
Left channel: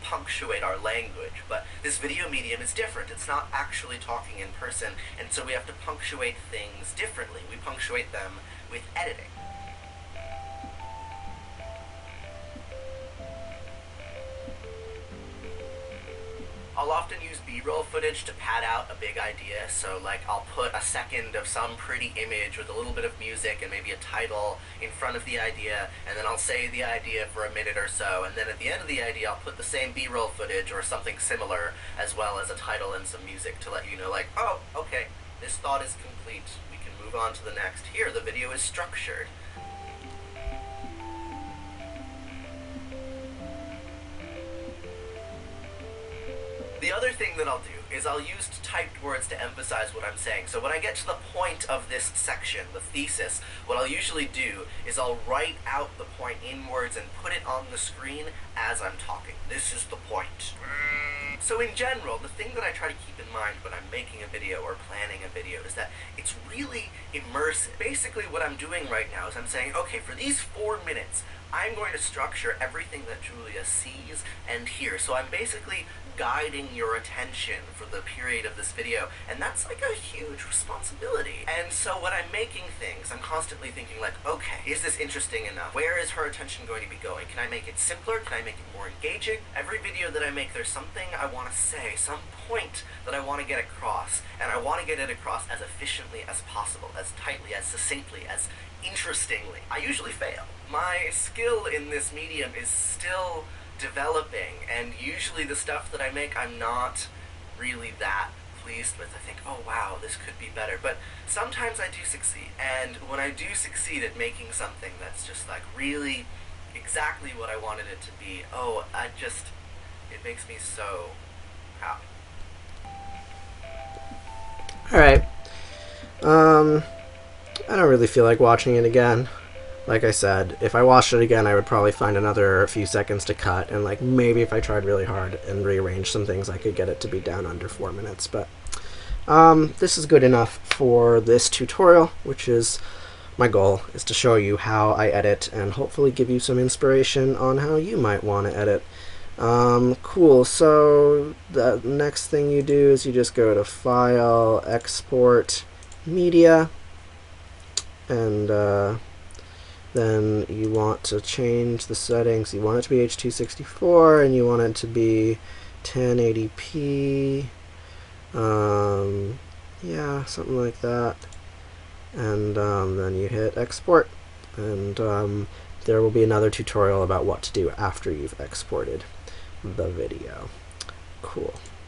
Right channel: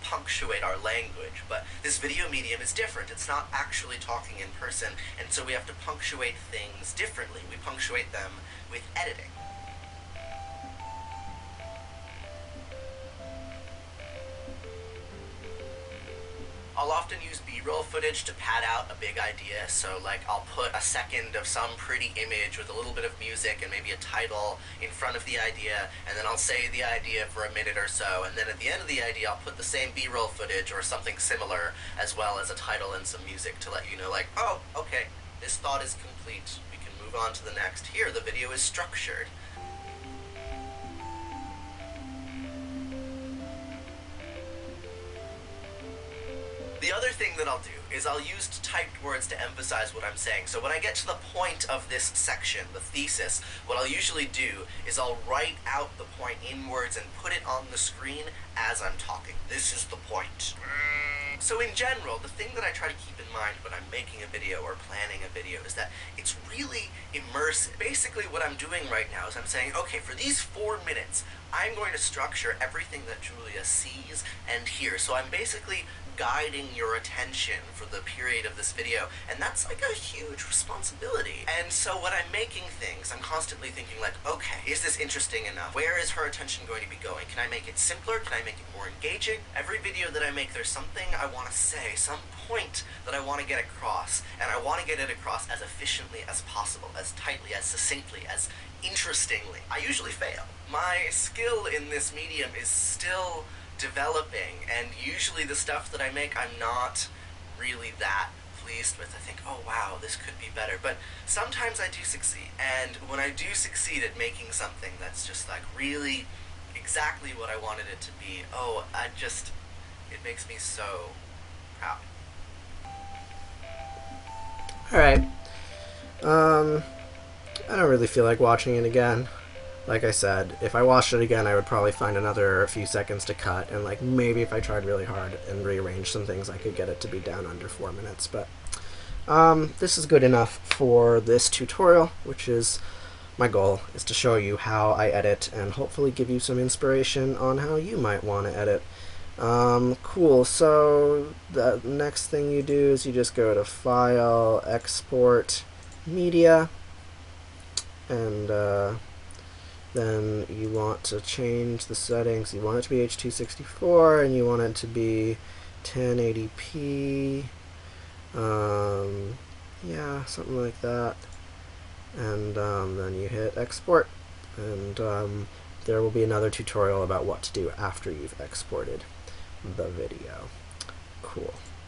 punctuate our language, but this video medium is different. It's not actually talking in person, and so we have to punctuate things differently. We punctuate them with editing. I'll often use B-roll footage to pad out a big idea, so like I'll put a second of some pretty image with a little bit of music and maybe a title in front of the idea, and then I'll say the idea for a minute or so, and then at the end of the idea I'll put the same B-roll footage or something similar, as well as a title and some music to let you know, like, oh, okay, this thought is complete, we can move on to the next. Here, the video is structured. The other thing that I'll do is I'll use typed words to emphasize what I'm saying. So when I get to the point of this section, the thesis, what I'll usually do is I'll write out the point in words and put it on the screen as I'm talking. This is the point. So in general, the thing that I try to keep in mind when I'm making a video or planning a video is that it's really immersive. Basically what I'm doing right now is I'm saying, okay, for these 4 minutes, I'm going to structure everything that Julia sees and hears. So I'm basically guiding your attention for the period of this video, and that's like a huge responsibility. And so when I'm making things, I'm constantly thinking like, okay, is this interesting enough? Where is her attention going to be going? Can I make it simpler? Can I make it more engaging? Every video that I make, there's something I want to say, some point that I want to get across, and I want to get it across as efficiently as possible, as tightly, as succinctly, as interestingly. I usually fail. My skill in this medium is still developing, and usually the stuff that I make I'm not really that pleased with. I think, oh wow, this could be better, but sometimes I do succeed, and when I do succeed at making something that's just like really exactly what I wanted it to be, it makes me so proud. Alright, I don't really feel like watching it again. Like I said, if I watched it again, I would probably find another few seconds to cut, and like maybe if I tried really hard and rearranged some things, I could get it to be down under 4 minutes. But this is good enough for this tutorial, which is my goal, is to show you how I edit and hopefully give you some inspiration on how you might want to edit. Cool, so the next thing you do is you just go to File, Export, Media, and then you want to change the settings. You want it to be H.264, and you want it to be 1080p. Yeah, something like that. And then you hit export, and there will be another tutorial about what to do after you've exported the video. Cool.